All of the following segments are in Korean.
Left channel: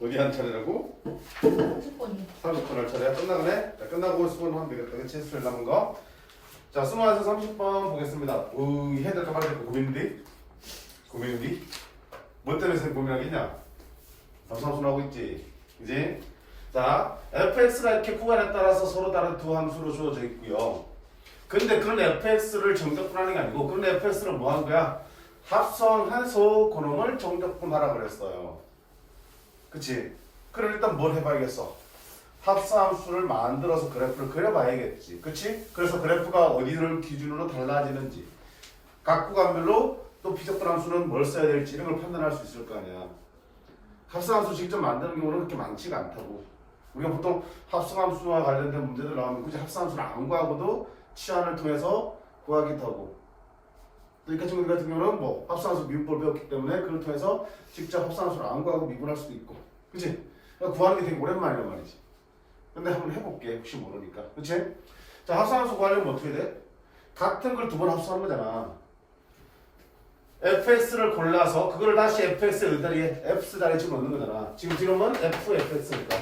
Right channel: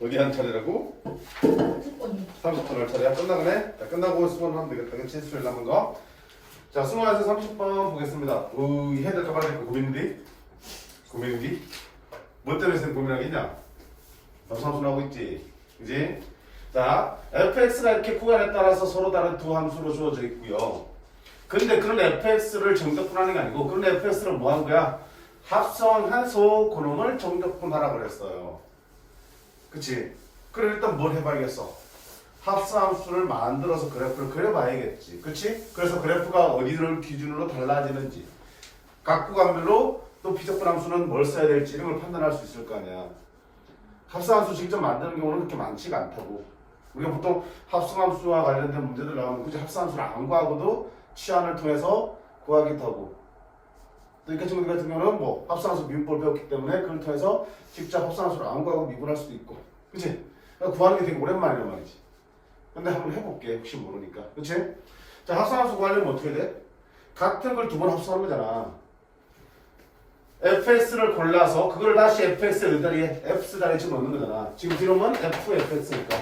어디 한 차례라고? 30번이. 30번 할 차례야. 끝나가네? 자, 끝나고 수건하면 되겠다. 그치? 수술 남은 거. 자, 20에서 30번 보겠습니다. 이 헤드 가발 됐고 고민인데? 고민인데? 뭐 때문에 선생님 고민하겠냐? 삼삼수 나오고 있지? 그지? 자, fx가 이렇게 구간에 따라서 서로 다른 두 함수로 주어져 있고요. 근데 그런 fx를 정적분하는 게 아니고 그런 fx를 뭐 한 거야? 합성해서 그놈을 정적분하라 그랬어요. 그치? 그럼 일단 뭘 해봐야겠어? 합성함수를 만들어서 그래프를 그려봐야겠지. 그치? 그래서 그래프가 어디를 기준으로 달라지는지 각 구간별로 또 비적분함수는 뭘 써야 될지 이런 걸 판단할 수 있을 거 아니야. 합성함수 직접 만드는 경우는 그렇게 많지가 않다고. 우리가 보통 합성함수와 관련된 문제들 나오면 굳이 합성함수를 안 구하고도 치환을 통해서 구하기도 하고 또 이과 친구들 같은 경우는 뭐 합성함수 미분법을 배웠기 때문에 그걸 통해서 직접 합성함수를 안 구하고 미분할 수도 있고 그치? 그러니까 구하는 게 되게 오랜만이란 말이지. 근데 한번 해볼게. 혹시 모르니까. 그치? 자, 합성함수 구하려면 어떻게 돼? 같은 걸 두 번 합성하는 거잖아. fx를 골라서 그걸 다시 fx의 자리에 f 자리에 집어넣는 거잖아. 지금 이름은 fx니까.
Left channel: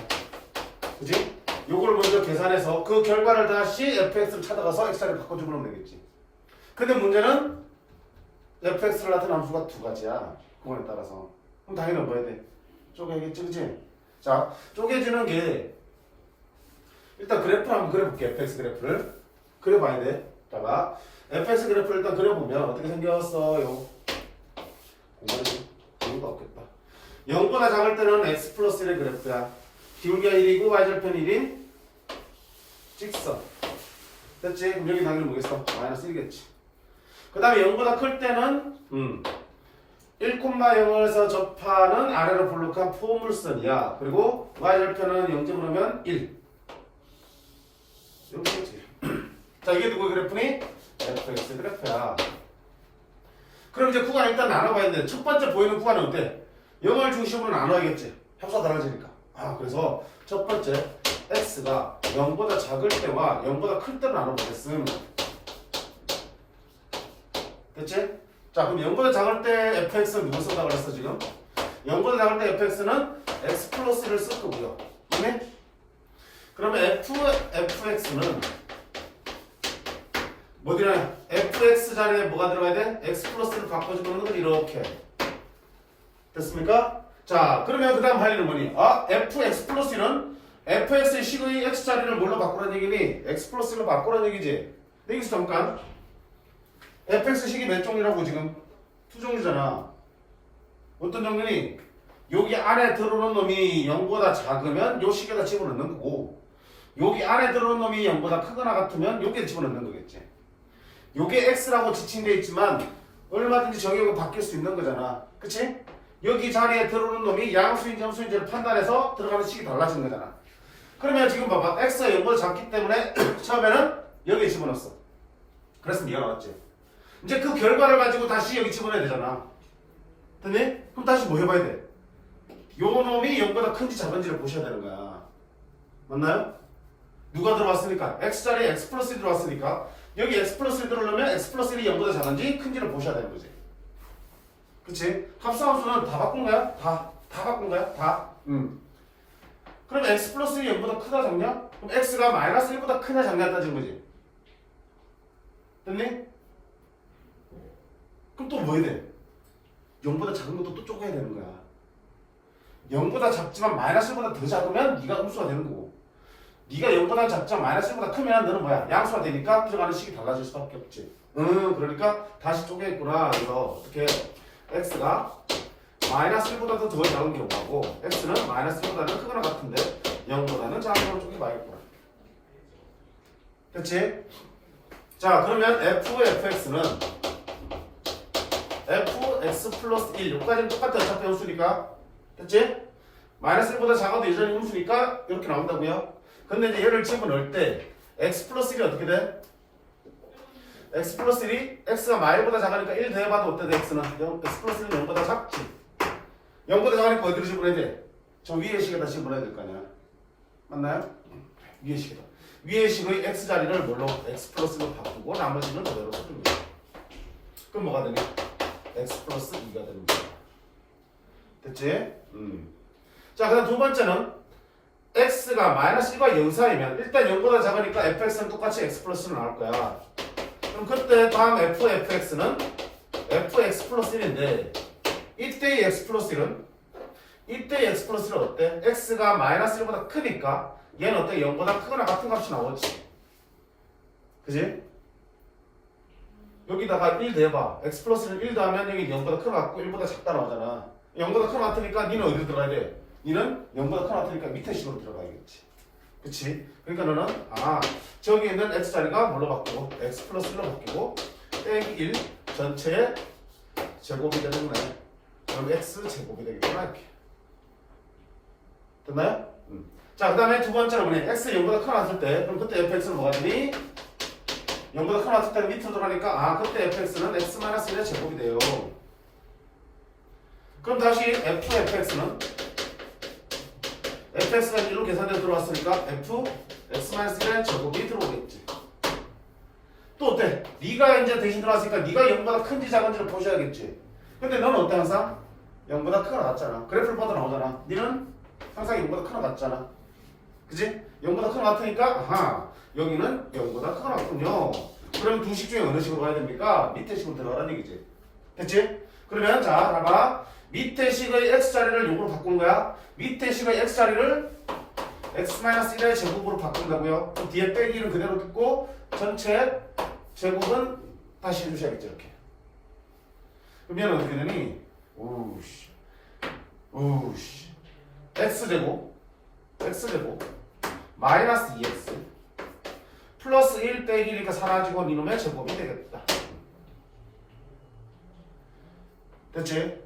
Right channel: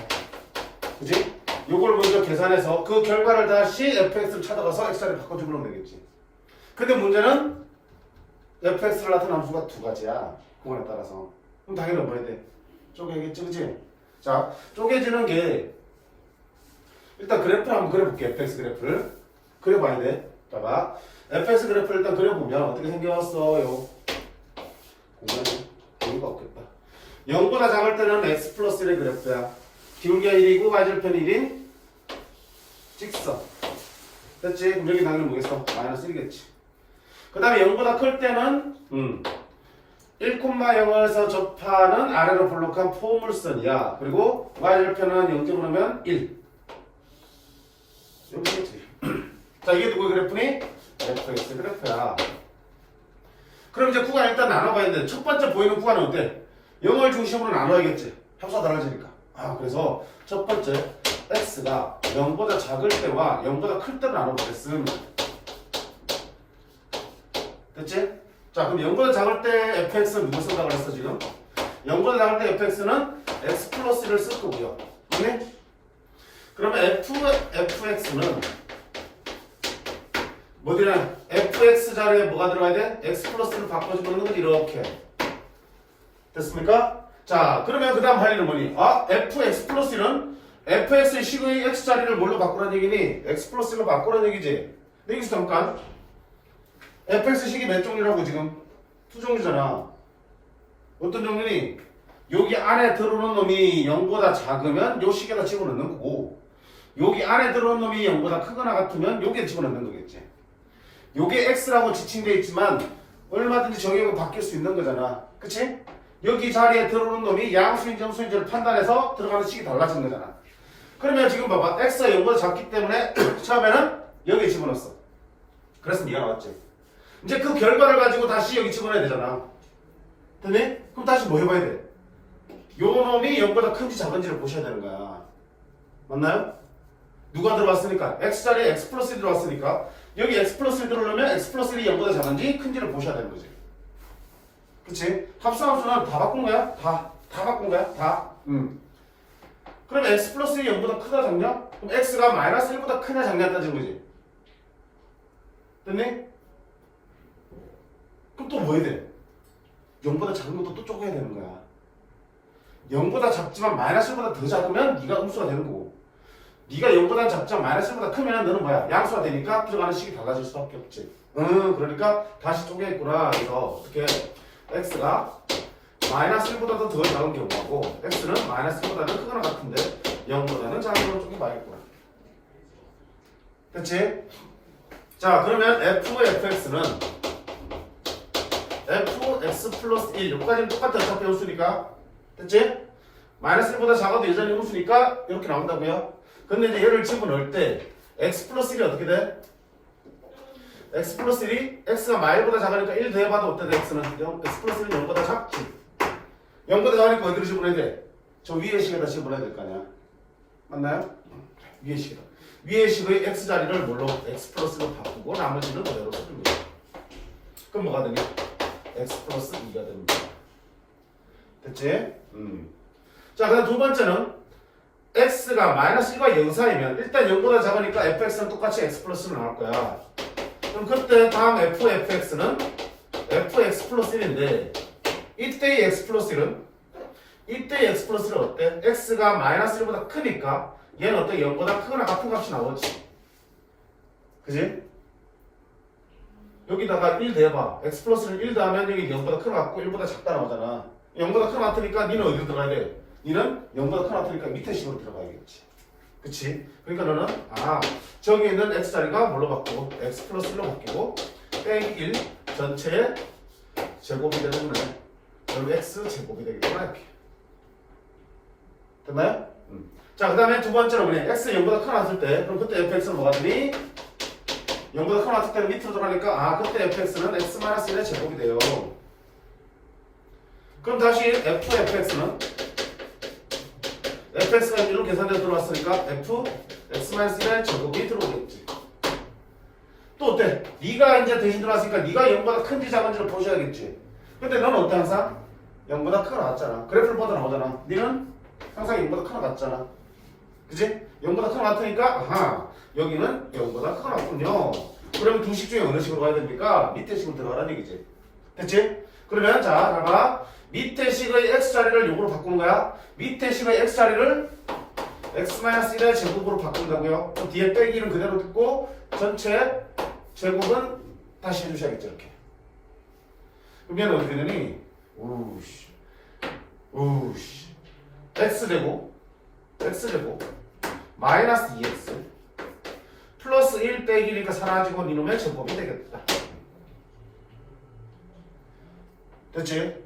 그치? 요걸 먼저 계산해서 그 결과를 다시 fx를 찾아가서 x 자리에 바꿔주면 되겠지. 근데 문제는 fx를 나타낸 함수가 두 가지야. 구간에 따라서. 그럼 당연히 뭐 해야 돼? 쪼개야겠지, 그치? 자, 쪼개지는 게 일단 그래프를 한번 그려볼게. fx 그래프를 그려봐야 돼. 자, 봐. fx 그래프를 일단 그려보면 어떻게 생겼어요? 공간이 기울기가 없겠다. 0보다 작을 때는 x 플러스 1의 그래프야. 기울기가 1이고 y절편 1인 직선. 됐지? 그럼 여기 당연히 뭐겠어? 마이너스 1이겠지. 그 다음에 0보다 클 때는 1,0에서 접하는 아래로 볼록한 포물선이야. 그리고 y절편은 0점으로면 1. 여기겠지. 자, 이게 누구의 그래프니? fx 그래프야. 그럼 이제 구간 일단 나눠봐야 돼. 첫 번째 보이는 구간은 어때? 0을 중심으로 나눠야겠지. 합수가 달라지니까. 그래서 첫 번째 x가 0보다 작을 때와 0보다 클 때로 나눠보겠음. 됐지? 자, 그럼 0보다 작을 때 fx는 누구 쓴다고 그랬어 지금? 0보다 작을 때 fx는 x 플러스 1을 쓸 거고요. 맞네? 그러면 fx는 뭐 되냐? fx 자리에 뭐가 들어가야 돼? x 플러스를 바꿔주는 건 이렇게. 됐습니까? 자, 그러면 그 다음 할 일은 뭐니? fx 플러스 1은 fx의 식의 x 자리를 뭘로 바꾸라는 얘기니? x 플러스 1로 바꾸라는 얘기지. 근데 여기서 잠깐 fx 식이 몇 종류라고 지금? 두 종류잖아. 어떤 종류니? 여기 안에 들어오는 놈이 0보다 작으면 요 식에다 집어넣는 거고 여기 안에 들어오는 놈이 0보다 크거나 같으면 여기에 집어넣는 거겠지. 요게 x라고 지칭되어 있지만 얼마든지 정의가 바뀔 수 있는 거잖아. 그치? 여기 자리에 들어오는 놈이 양수인지 음수인지를 판단해서 들어가는 식이 달라진 거잖아. 그러면 지금 봐봐. x가 0보다 작기 때문에 처음에는 여기에 집어넣었어. 그래서 네가 나왔지. 이제 그 결과를 가지고 다시 여기 집어넣어야 되잖아. 됐니? 그럼 다시 뭐 해봐야 돼? 요 놈이 0보다 큰지 작은지를 보셔야 되는 거야. 맞나요? 누가 들어왔으니까? x 자리에 x 플러스 1 들어왔으니까 여기 x 플러스 1 들어오려면 x 플러스 1이 0보다 작은지 큰지를 보셔야 되는 거지. 그치? 합성함수는 다 바꾼 거야? 다 바꾼 거야? 다? 그럼 x 플러스 1이 0보다 크다 작냐? 그럼 x가 마이너스 1보다 크냐 작냐 따진 거지. 됐니? 그럼 또 뭐 해야 돼? 0보다 작은 것도 또 쪼개야 되는 거야. 0보다 작지만 마이너스 1보다 더 작으면 네가 음수가 되는 거고 네가 0보다 작지만 마이너스 1보다 크면 너는 뭐야? 양수가 되니까 들어가는 식이 달라질 수밖에 없지. 그러니까 다시 쪼개있구나. 그래서 어떻게 x가 마이너스 1보다도 더 작은 경우하고 x는 마이너스 1보다는 크거나 같은데 0보다는 작은 걸로 쪼개봐야겠구나. 됐지? 자, 그러면 fx는 fx 플러스 1 여기까지는 똑같아. 어차피 음수니까. 됐지? 마이너스 1보다 작아도 여전히 음수니까 이렇게 나온다고요. 근데 이제 얘를 집어넣을 때 x 플러스 1이 어떻게 돼? x 플러스 1이 x가 마일보다 작으니까 1 더해봐도 어때? x는 x 플러스 1은 0보다 작지. 0보다 작으니까 어디로 집어넣어야 돼? 저 위의 식에다 집어넣어야 될 거 아니야. 맞나요? 위의 식에다. 위의 식의 x 자리를 뭘로? x 플러스 1로 바꾸고 나머지는 그대로 쓰는 거야. 그럼 뭐가 되냐? x 플러스 2가 됩니다. 됐지? 자, 그다음 두 번째는 x가 마이너스 1과 0 사이면 일단 0보다 작으니까 fx는 똑같이 x 플러스는 나올 거야. 그럼 그때 다음 fx는 fx 플러스 1인데 이때의 x 플러스 1은 이때의 x 플러스 1은 어때? x가 마이너스 1보다 크니까 얘는 어때? 0보다 크거나 같은 값이 나오지. 그지? 여기다가 1 대봐. x 플러스는 1 더하면 여기 0보다 큰 거 같고 1보다 작다 나오잖아. 0보다 큰 거 같으니까 니는 어디로 들어가야 돼? 니는 0보다 큰 거 같으니까 밑에 식으로 들어가야겠지. 그치? 그러니까 너는 저기 있는 x자리가 뭘로 바뀌고 x 플러스 1로 바뀌고 땡 1 전체의 제곱이 되는 거네. 그럼 x 제곱이 되겠구나 이렇게. 됐나요? 자, 그 다음에 두 번째로 뭐니? x 0보다 큰 거 같을 때 그럼 그때 fx는 뭐가 되니? 0보다 큰 거 같을 때는 밑으로 들어가니까 그때 fx는 x-1의 제곱이 돼요. 그럼 다시 fx는 fx가 1로 계산되어 들어왔으니까 f x-1의 제곱이 들어오겠지. 또 어때? 네가 이제 대신 들어왔으니까 네가 0보다 큰지 작은지를 보셔야겠지. 근데 너는 어때 항상? 0보다 크가 나왔잖아. 그래프를 보다 나오잖아. 너는 항상 0보다 크가 같잖아. 그지? 0보다 큰 거 같으니까 여기는 0보다 크가 나왔군요. 그러면 두 식 중에 어느 식으로 가야 됩니까? 밑에 식으로 들어가라는 얘기지. 됐지? 그러면 자, 봐봐. 밑에 식의 x자리를 요거로 바꾸는 거야. 밑에 식의 x자리를 x-1의 제곱으로 바꾼다고요. 그럼 뒤에 빼기는 그대로 듣고 전체 제곱은 다시 해주셔야겠죠. 이렇게. 그러면 어떻게 되니? 우씨 x제곱 마이너스 2x 플러스 1 빼기니까 사라지고 이놈의 제곱이 되겠다. 됐지?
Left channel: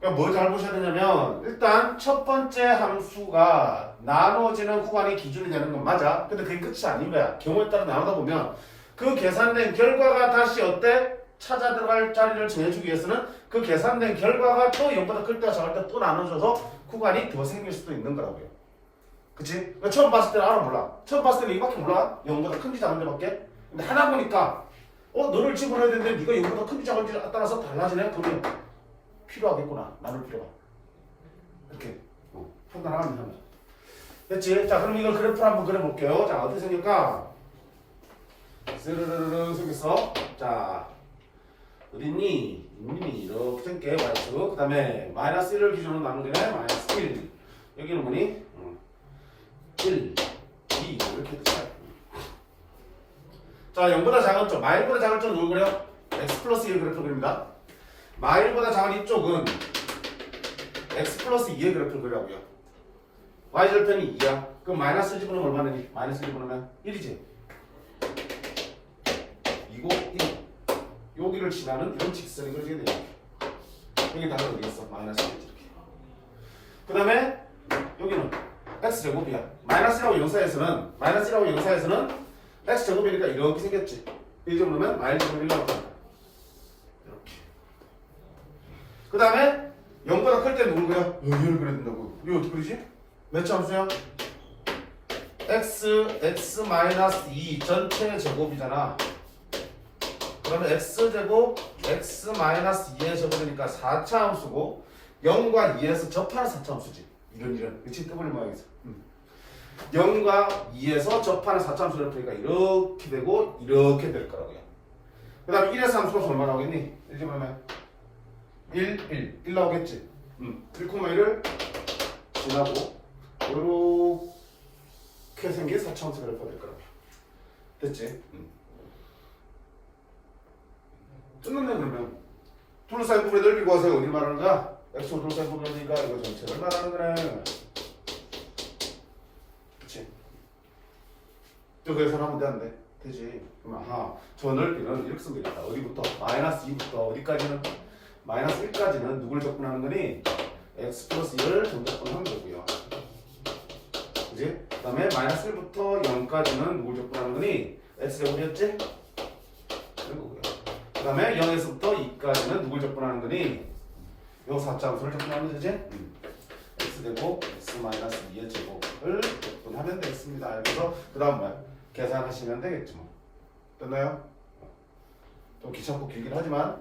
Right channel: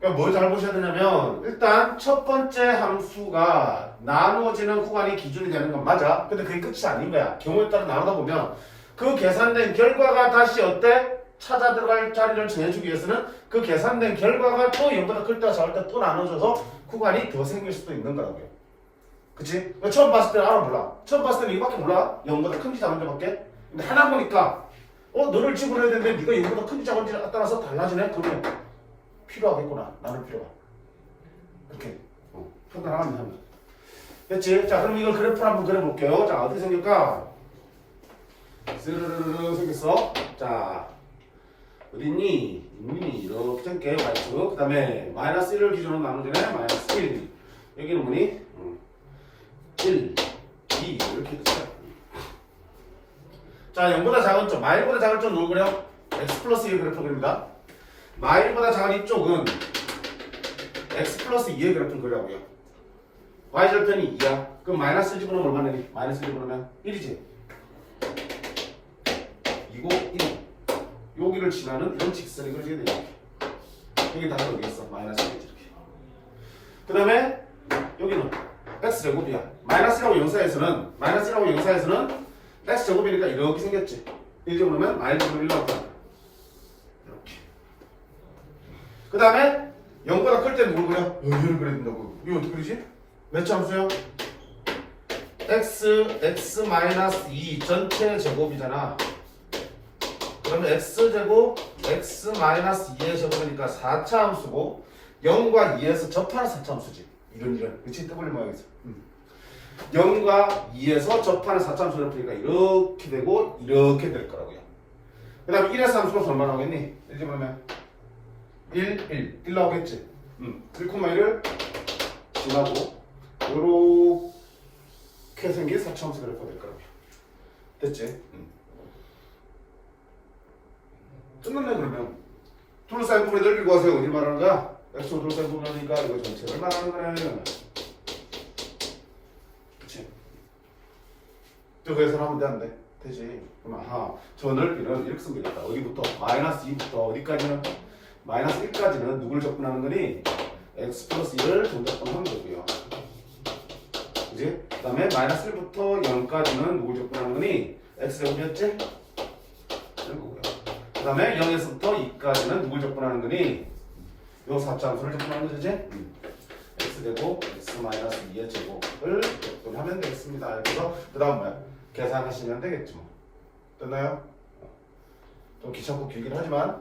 그러니까 뭘 잘 보셔야 되냐면 일단 첫 번째 함수가 나눠지는 구간이 기준이 되는 건 맞아. 근데 그게 끝이 아닌 거야. 경우에 따라 나누다 보면 그 계산된 결과가 다시 어때? 찾아 들어갈 자리를 정해주기 위해서는 그 계산된 결과가 또 0보다 클 때와 작을 때 또 나눠줘서 구간이 더 생길 수도 있는 거라고요. 그치? 그러니까 처음 봤을 때는 알아 몰라. 처음 봤을 때는 이밖에 몰라. 0보다 큰지 작은지 밖에. 근데 하나 보니까 너를 집어넣어야 되는데 네가 0보다 큰지 작은지 따라서 달라지네? 그러면 필요하겠구나. 나눌 필요가. 이렇게 판단하면 하면. 됐지? 자, 그럼 이걸 그래프를 한번 그려볼게요. 자, 어떻게 생길까? 스르르르 생겼어. 자, 어딨니? 이렇게 생겨. y 그 다음에 마이너스 1을 기준으로 나누지네. 마이너스 1. 여기는 뭐니? 1, 2 이렇게 됐어요. 자, 0보다 작은 쪽, 마일보다 작은 쪽 누구 그래요? x 플러스 1 그래프 그립니다. 마일보다 작은 이쪽은 x 플러스 2의 그래프를 그리라고요. y절편이 2야. 그럼 마이너스 1 집어넣으면 얼마 되니? 마이너스 1 집어넣으면 1이지. 2고 1. 여기를 지나는 이런 직선이 그려지게 돼요. 여기 다가 여기 있어. 마이너스 1 이렇게. 그 다음에 여기는 x제곱이야. 마이너스 1하고 0 사이에서는 x제곱이니까 이렇게 생겼지. 1 집어넣으면 마이너스 1 나온다. 이렇게. 그 다음에 0보다 클 때 누굴 그려? 얘를 그려야 된다고. 이거 어떻게 그리지? 몇 차 함수야? x-2 전체 제곱이잖아. 그러면 x제곱 x-2의 제곱이니까 4차 함수고 0과 2에서 접하는 4차 함수지. 이런 그치? W 모양에서 0과 2에서 접하는 4차 함수를 풀니까 이렇게 되고 이렇게 될 거라고요. 그 다음에 1에서 함수가 얼마 나오겠니? 1 집어넣으면 1 나오겠지. 1,1을 지나고 요렇게 생긴 4차 함수 그래프가 될 거라고요. 됐지? 끝났네. 그러면 둘러싸인 부분의 넓이 구하세요. 어디 말하는 거야? x로 둘러싸인 부분의 넓이가 이거 전체를 말하는 거네. 그치? 저 계산하면 되는데 되지. 그럼 저 넓이는 이렇게 쓰면 되겠다. 어디부터? 마이너스 2부터 어디까지는? 마이너스 1까지는 누굴 접근하는 거니? x 플러스 1을 정접근하는 거고요. 그치? 그 다음에 마이너스 1부터 0까지는 누굴 접근하는 거니? x제곱이었지? 이런 거고요. 그 다음에 0에서부터 2까지는 누굴 접근하는 거니? 요 4차 함수를 접근하는 거지? x제곱 x-2의 제곱을 접근하면 되겠습니다. 그래서 그 다음 뭐야? 계산하시면 되겠지 뭐. 됐나요? 좀 귀찮고 길긴 하지만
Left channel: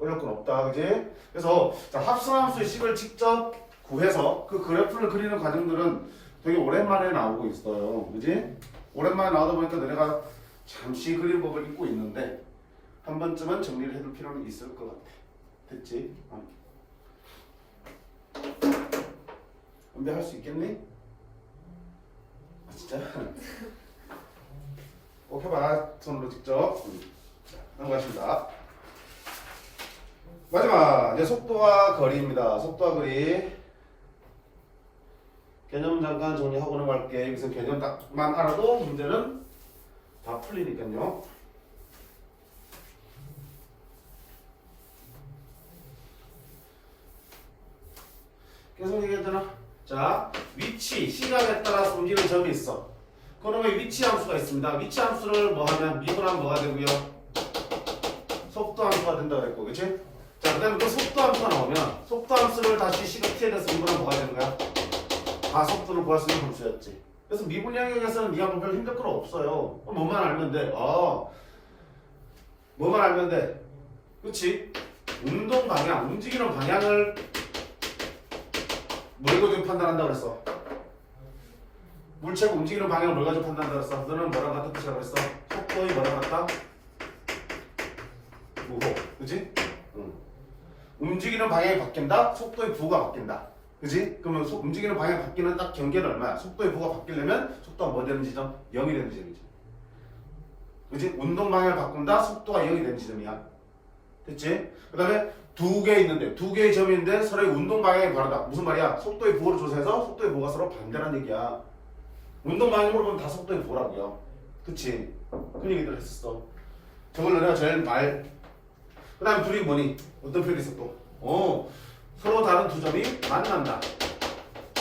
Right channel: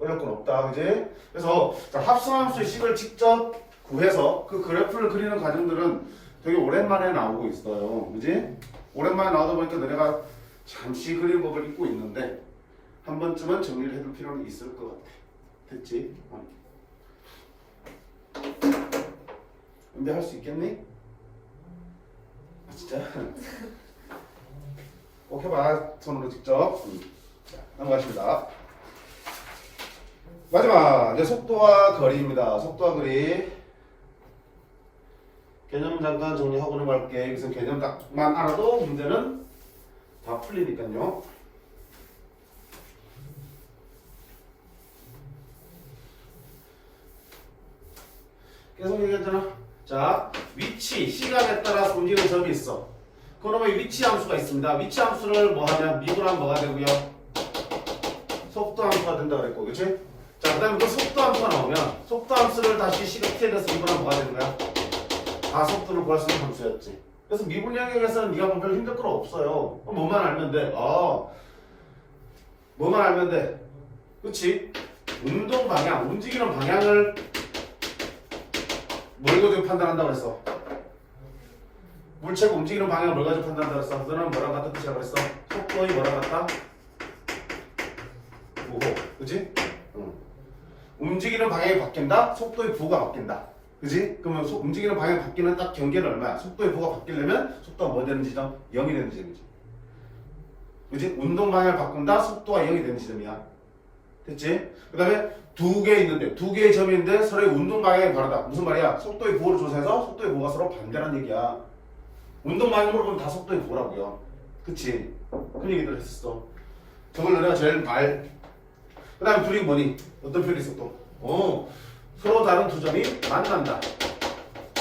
어려울 건 없다. 그지? 그래서 자, 합성함수의 식을 직접 구해서 그 그래프를 그리는 과정들은 되게 오랜만에 나오고 있어요. 그지? 오랜만에 나오다 보니까 너네가 잠시 그림 법을 잊고 있는데 한 번쯤은 정리를 해둘 필요는 있을 것 같아. 됐지? 근데 할 수 있겠니? 아 진짜? 꼭 해봐. 손으로 직접. 자, 넘어가십니다. 마지막 이제 속도와 거리입니다. 속도와 거리 개념 잠깐 정리하고는 갈게. 여기서 개념 딱만 알아도 문제는 다 풀리니까요. 계속 얘기했잖아. 자, 위치, 시간에 따라서 움직이는 점이 있어. 그러면 위치 함수가 있습니다. 위치 함수를 뭐 하면 미분하면 뭐가 되고요? 속도 함수가 된다고 그랬고, 그치? 자, 그 다음에 그 속도 함수가 나오면 속도 함수를 다시 시간 t에 대해서 미분하면 뭐가 되는 거야? 다 속도를 구할 수 있는 함수였지. 그래서 미분 영역에서는 네가 뭐 별 힘들 건 없어요. 뭐만 알면 돼. 뭐만 알면 돼. 그치? 운동 방향, 움직이는 방향을 뭘 가지고 판단한다고 그랬어? 물체가 움직이는 방향을 뭘 가지고 판단한다고 그랬어? 너는 뭐랑 같은 뜻이라고 그랬어? 속도의 뭐랑 같다? 우호. 그치? 응. 움직이는 방향이 바뀐다? 속도의 부호가 바뀐다. 그지? 그러면 움직이는 방향이 바뀌는 딱 경계는 얼마야? 속도의 부호가 바뀌려면 속도가 뭐 되는 지점? 0이 되는 지점이지. 그지? 운동 방향을 바꾼다? 속도가 0이 되는 지점이야. 됐지? 그 다음에 두 개 있는데, 두 개의 점이 있는데 서로의 운동 방향이 다르다. 무슨 말이야? 속도의 부호를 조사해서 속도의 부호가 서로 반대라는 얘기야. 운동 방향으로 보면 다 속도의 부호라고요. 그치? 그 얘기들 했었어. 저걸 너네가 제일 그 다음에 둘이 뭐니? 어떤 표현이 있어 또? 서로 다른 두 점이 만난다.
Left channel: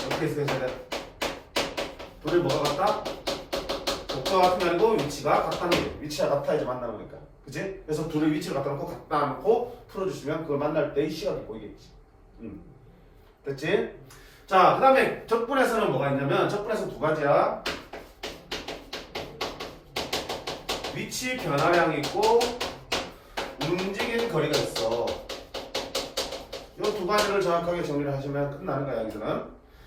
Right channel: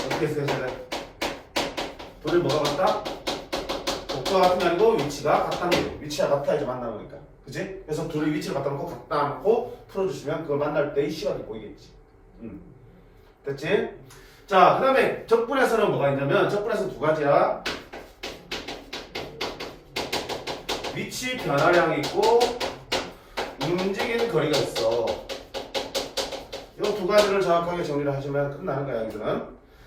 어떻게 해석해야 돼? 둘이 뭐가 같다? 속도가 같은 게 아니고 위치가 같다는 게 위치가 같아 이제 만나보니까. 그치? 그래서 둘이 위치를 갖다 놓고 갖다 놓고 풀어주시면 그걸 만날 때의 시각이 보이겠지. 됐지? 자, 그 다음에 적분에서는 뭐가 있냐면 적분에서 두 가지야. 위치 변화량이 있고 움직이는 거리가 있어. 이 두 가지를 정확하게 정리를 하시면 끝나는 거야 여기서는.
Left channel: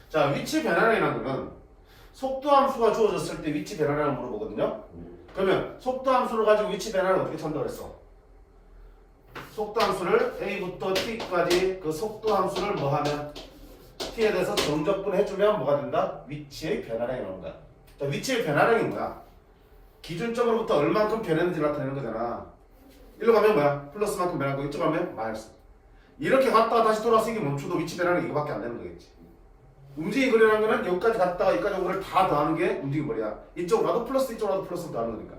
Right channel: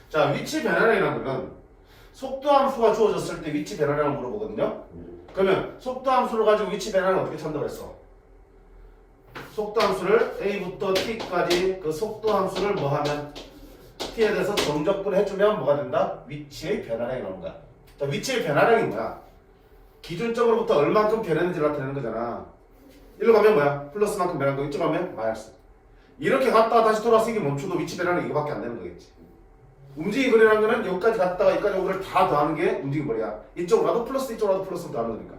자, 위치 변화량이라는 거는 속도 함수가 주어졌을 때 위치 변화량을 물어보거든요. 그러면 속도 함수를 가지고 위치 변화를 어떻게 찾는다고 했어? 속도 함수를 a부터 t까지 그 속도 함수를 뭐 하면 t에 대해서 정적분 해주면 뭐가 된다? 위치의 변화량이 나오는 거야. 자, 위치의 변화량이 뭐야? 기준점으로부터 얼만큼 변했는지를 나타내는 거잖아. 일로 가면 뭐야? 플러스만큼 변하고 이쪽 가면 마이너스. 이렇게 갔다가 다시 돌아서 이게 멈춰도 위치 변화는 이거밖에 안 되는 거겠지. 움직임 거리라는 거는 여기까지 갔다가 여기까지 오는 걸 다 더하는 게 움직임 거리야. 이쪽으로 가도 플러스 이쪽으로 가도 플러스 더하는 거니까.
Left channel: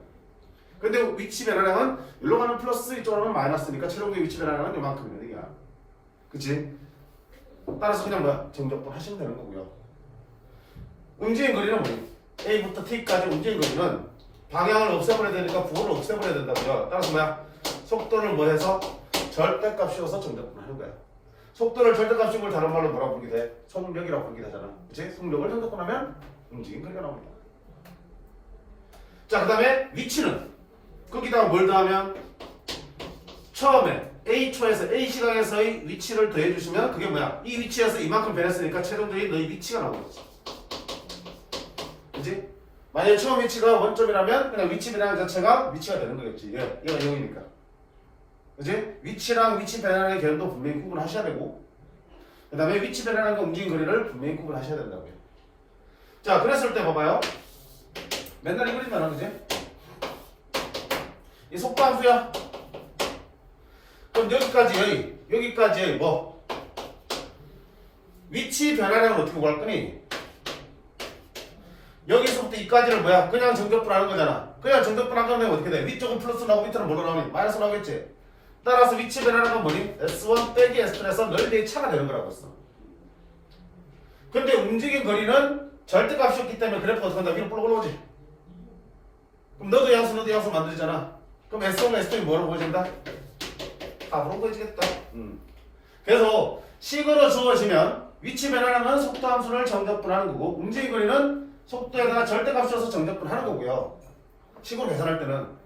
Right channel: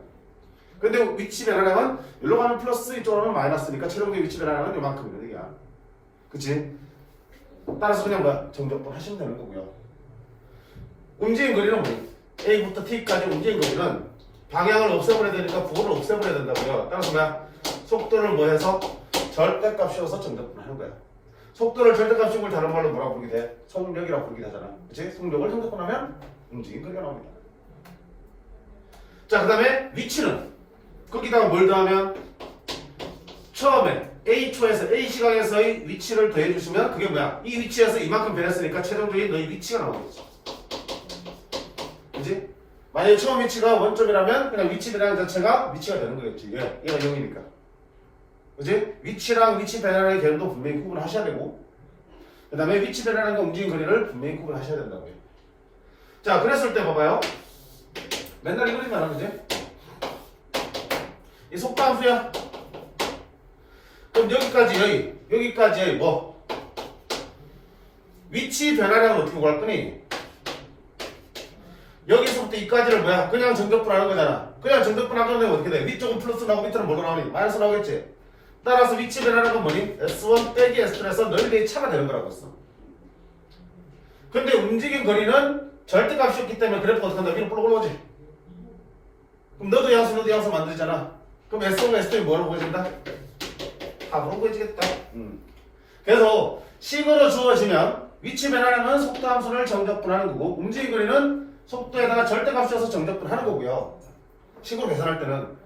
근데 위치 변화량은 여기로 가면 플러스 이쪽으로 가면 마이너스니까 최종적인 위치 변화량은 이만큼이면 얘기야. 그치? 따라서 그냥 뭐야? 정적분 하시면 되는 거고요. 움직임 거리는 뭐니? A부터 T까지 움직임 거리는 방향을 없애버려야 되니까 부호를 없애버려야 된다고요. 따라서 뭐야? 속도를 뭐 해서 절대값 씌워서 정적분 하는 거야. 속도를 절대값 씌운 걸 다른 말로 뭐라고 부르게 돼? 속력이라고 부르게 되잖아. 그치? 속력을 정적분하면 움직임 거리가 나옵니다. 자, 그 다음에 위치는 거기다가 뭘 더하면 처음에 A초에서 A시각에서의 위치를 더해주시면 그게 뭐야? 이 위치에서 이만큼 변했으니까 최종적인 너희 위치가 나오겠지. 그치? 만약에 처음 위치가 원점이라면 그냥 위치 변화량 자체가 위치가 되는 거겠지. 얘가 0이니까. 그치? 위치랑 위치 변화량의 개념도 분명히 구분하셔야 되고 그 다음에 위치 변화량과 움직임 거리를 분명히 구분하셔야 된다고요. 자, 그랬을 때 봐봐요. 맨날 이 그림이 안 하지? 이 속도 함수야. 그럼 여기까지 뭐 위치 변화량을 어떻게 구할 거니? 여기서부터 이까지를 뭐야? 그냥 정적분 하는 거잖아. 그냥 정적분 하면 어떻게 돼? 위쪽은 플러스 나오고 밑으로 뭐로 나오니? 마이너스 나오겠지? 따라서 위치 변화량은 뭐니? S1 빼기 S2에서 넓이의 차가 되는 거라고 했어. 근데 움직임 거리는 절대값이었기 때문에 그래프가 어떻게 한다? 위로 볼록 올라오지? 그럼 너도 양수 만들잖아. 그럼 S1과 S2이 뭐라고 보여진다? 답으로 보여지겠다. 그래서 식으로 주어지면 위치 변화량은 속도 함수를 정적분하는 거고 움직임 거리는 속도에다가 절대값 씌워서 정적분하는 거고요. 식으로 계산할 때는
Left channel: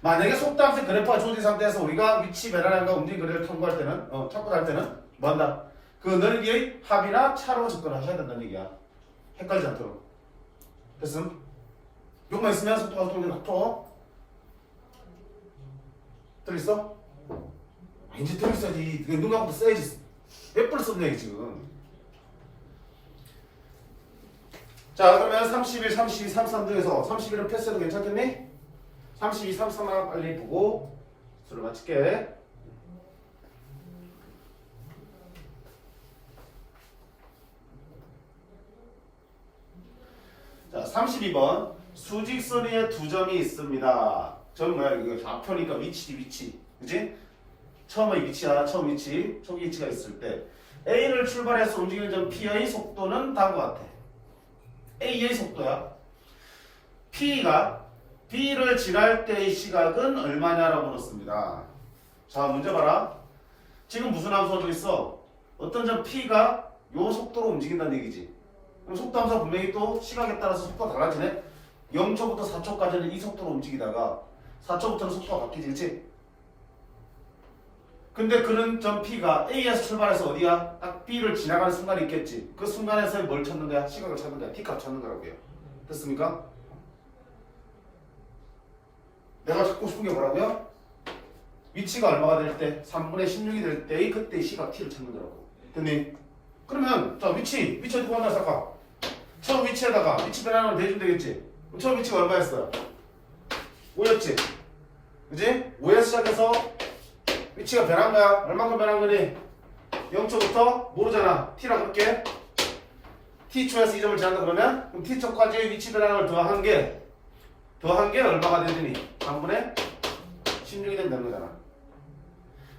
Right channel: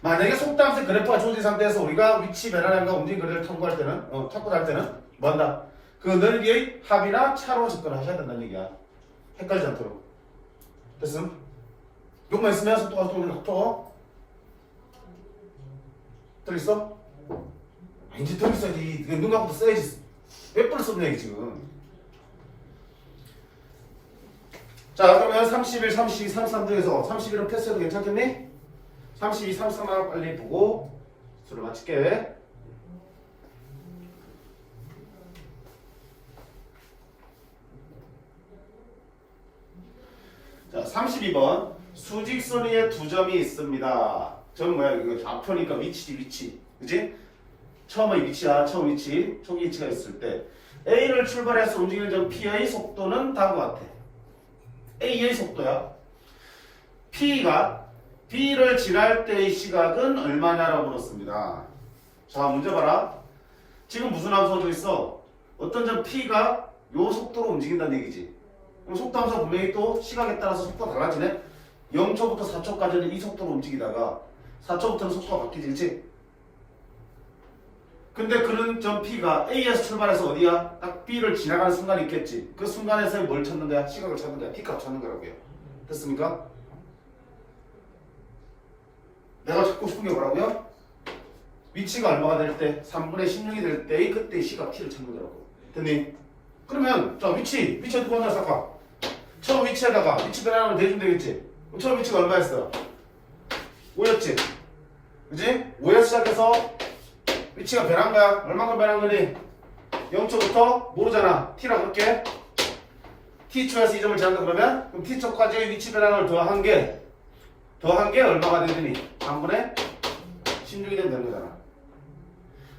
만약에 속도 함수의 그래프가 주어진 상태에서 우리가 위치 변화량과 움직임 거리를 탐구할 때는 찾고자 할 때는 뭐 한다? 그 넓이의 합이나 차로 접근하셔야 된다는 얘기야. 헷갈리지 않도록. 됐음? 요것만 있으면 속도가 속도 들어있어? 이제 들어있어야지. 눈 감고도 써야지. 몇 번을 썼냐 이게 지금. 자 그러면 31, 32, 33 중에서 31은 패스해도 괜찮겠니? 32, 33을 빨리 보고 수를 마칠게. 자 32번 수직선 위에 두 점이 있습니다. 점 뭐야 이거 좌표니까 위치지 위치. 그지? 처음의 위치야 처음 위치 초기 위치가 있을 때 A를 출발해서 움직이는 점 P의 속도는 다음과 같아. A의 속도야. P가 B를 지날 때의 시각은 얼마냐라고 물었습니다. 자 문제 봐라. 지금 무슨 함수 써져 있어? 어떤 점 P가 요 속도로 움직인다는 얘기지. 그럼 속도 함수가 분명히 또 시각에 따라서 속도가 달라지네. 0초부터 4초까지는 이 속도로 움직이다가 4초부터는 속도가 바뀌지 그치? 근데 그런 점 P가 A에서 출발해서 어디야? 딱 B를 지나가는 순간이 있겠지. 그 순간에서 뭘 찾는 거야? 시각을 찾는 거야. P값 찾는 거라고요. 됐습니까? 내가 찾고 싶은 게 뭐라고요? 위치가 얼마가 될 때? 3분의 16이 될 때의 그때의 시각 T를 찾는 거라고. 됐니? 그러면 자 위치 어떻게 하나 생각하? 처음 위치에다가 위치 변환을 대주면 되겠지? 처음 위치가 얼마였어요? 5였지? 그지? 5에서 시작해서 위치가 변한 거야. 얼마큼 변한 거니? 0초부터 모르잖아. T라고 할게. T초에서 이 점을 지난다 그러면 그럼 T초까지의 위치 변환을 더한 게 얼마가 되더니 3분의 16이 된다는 거잖아.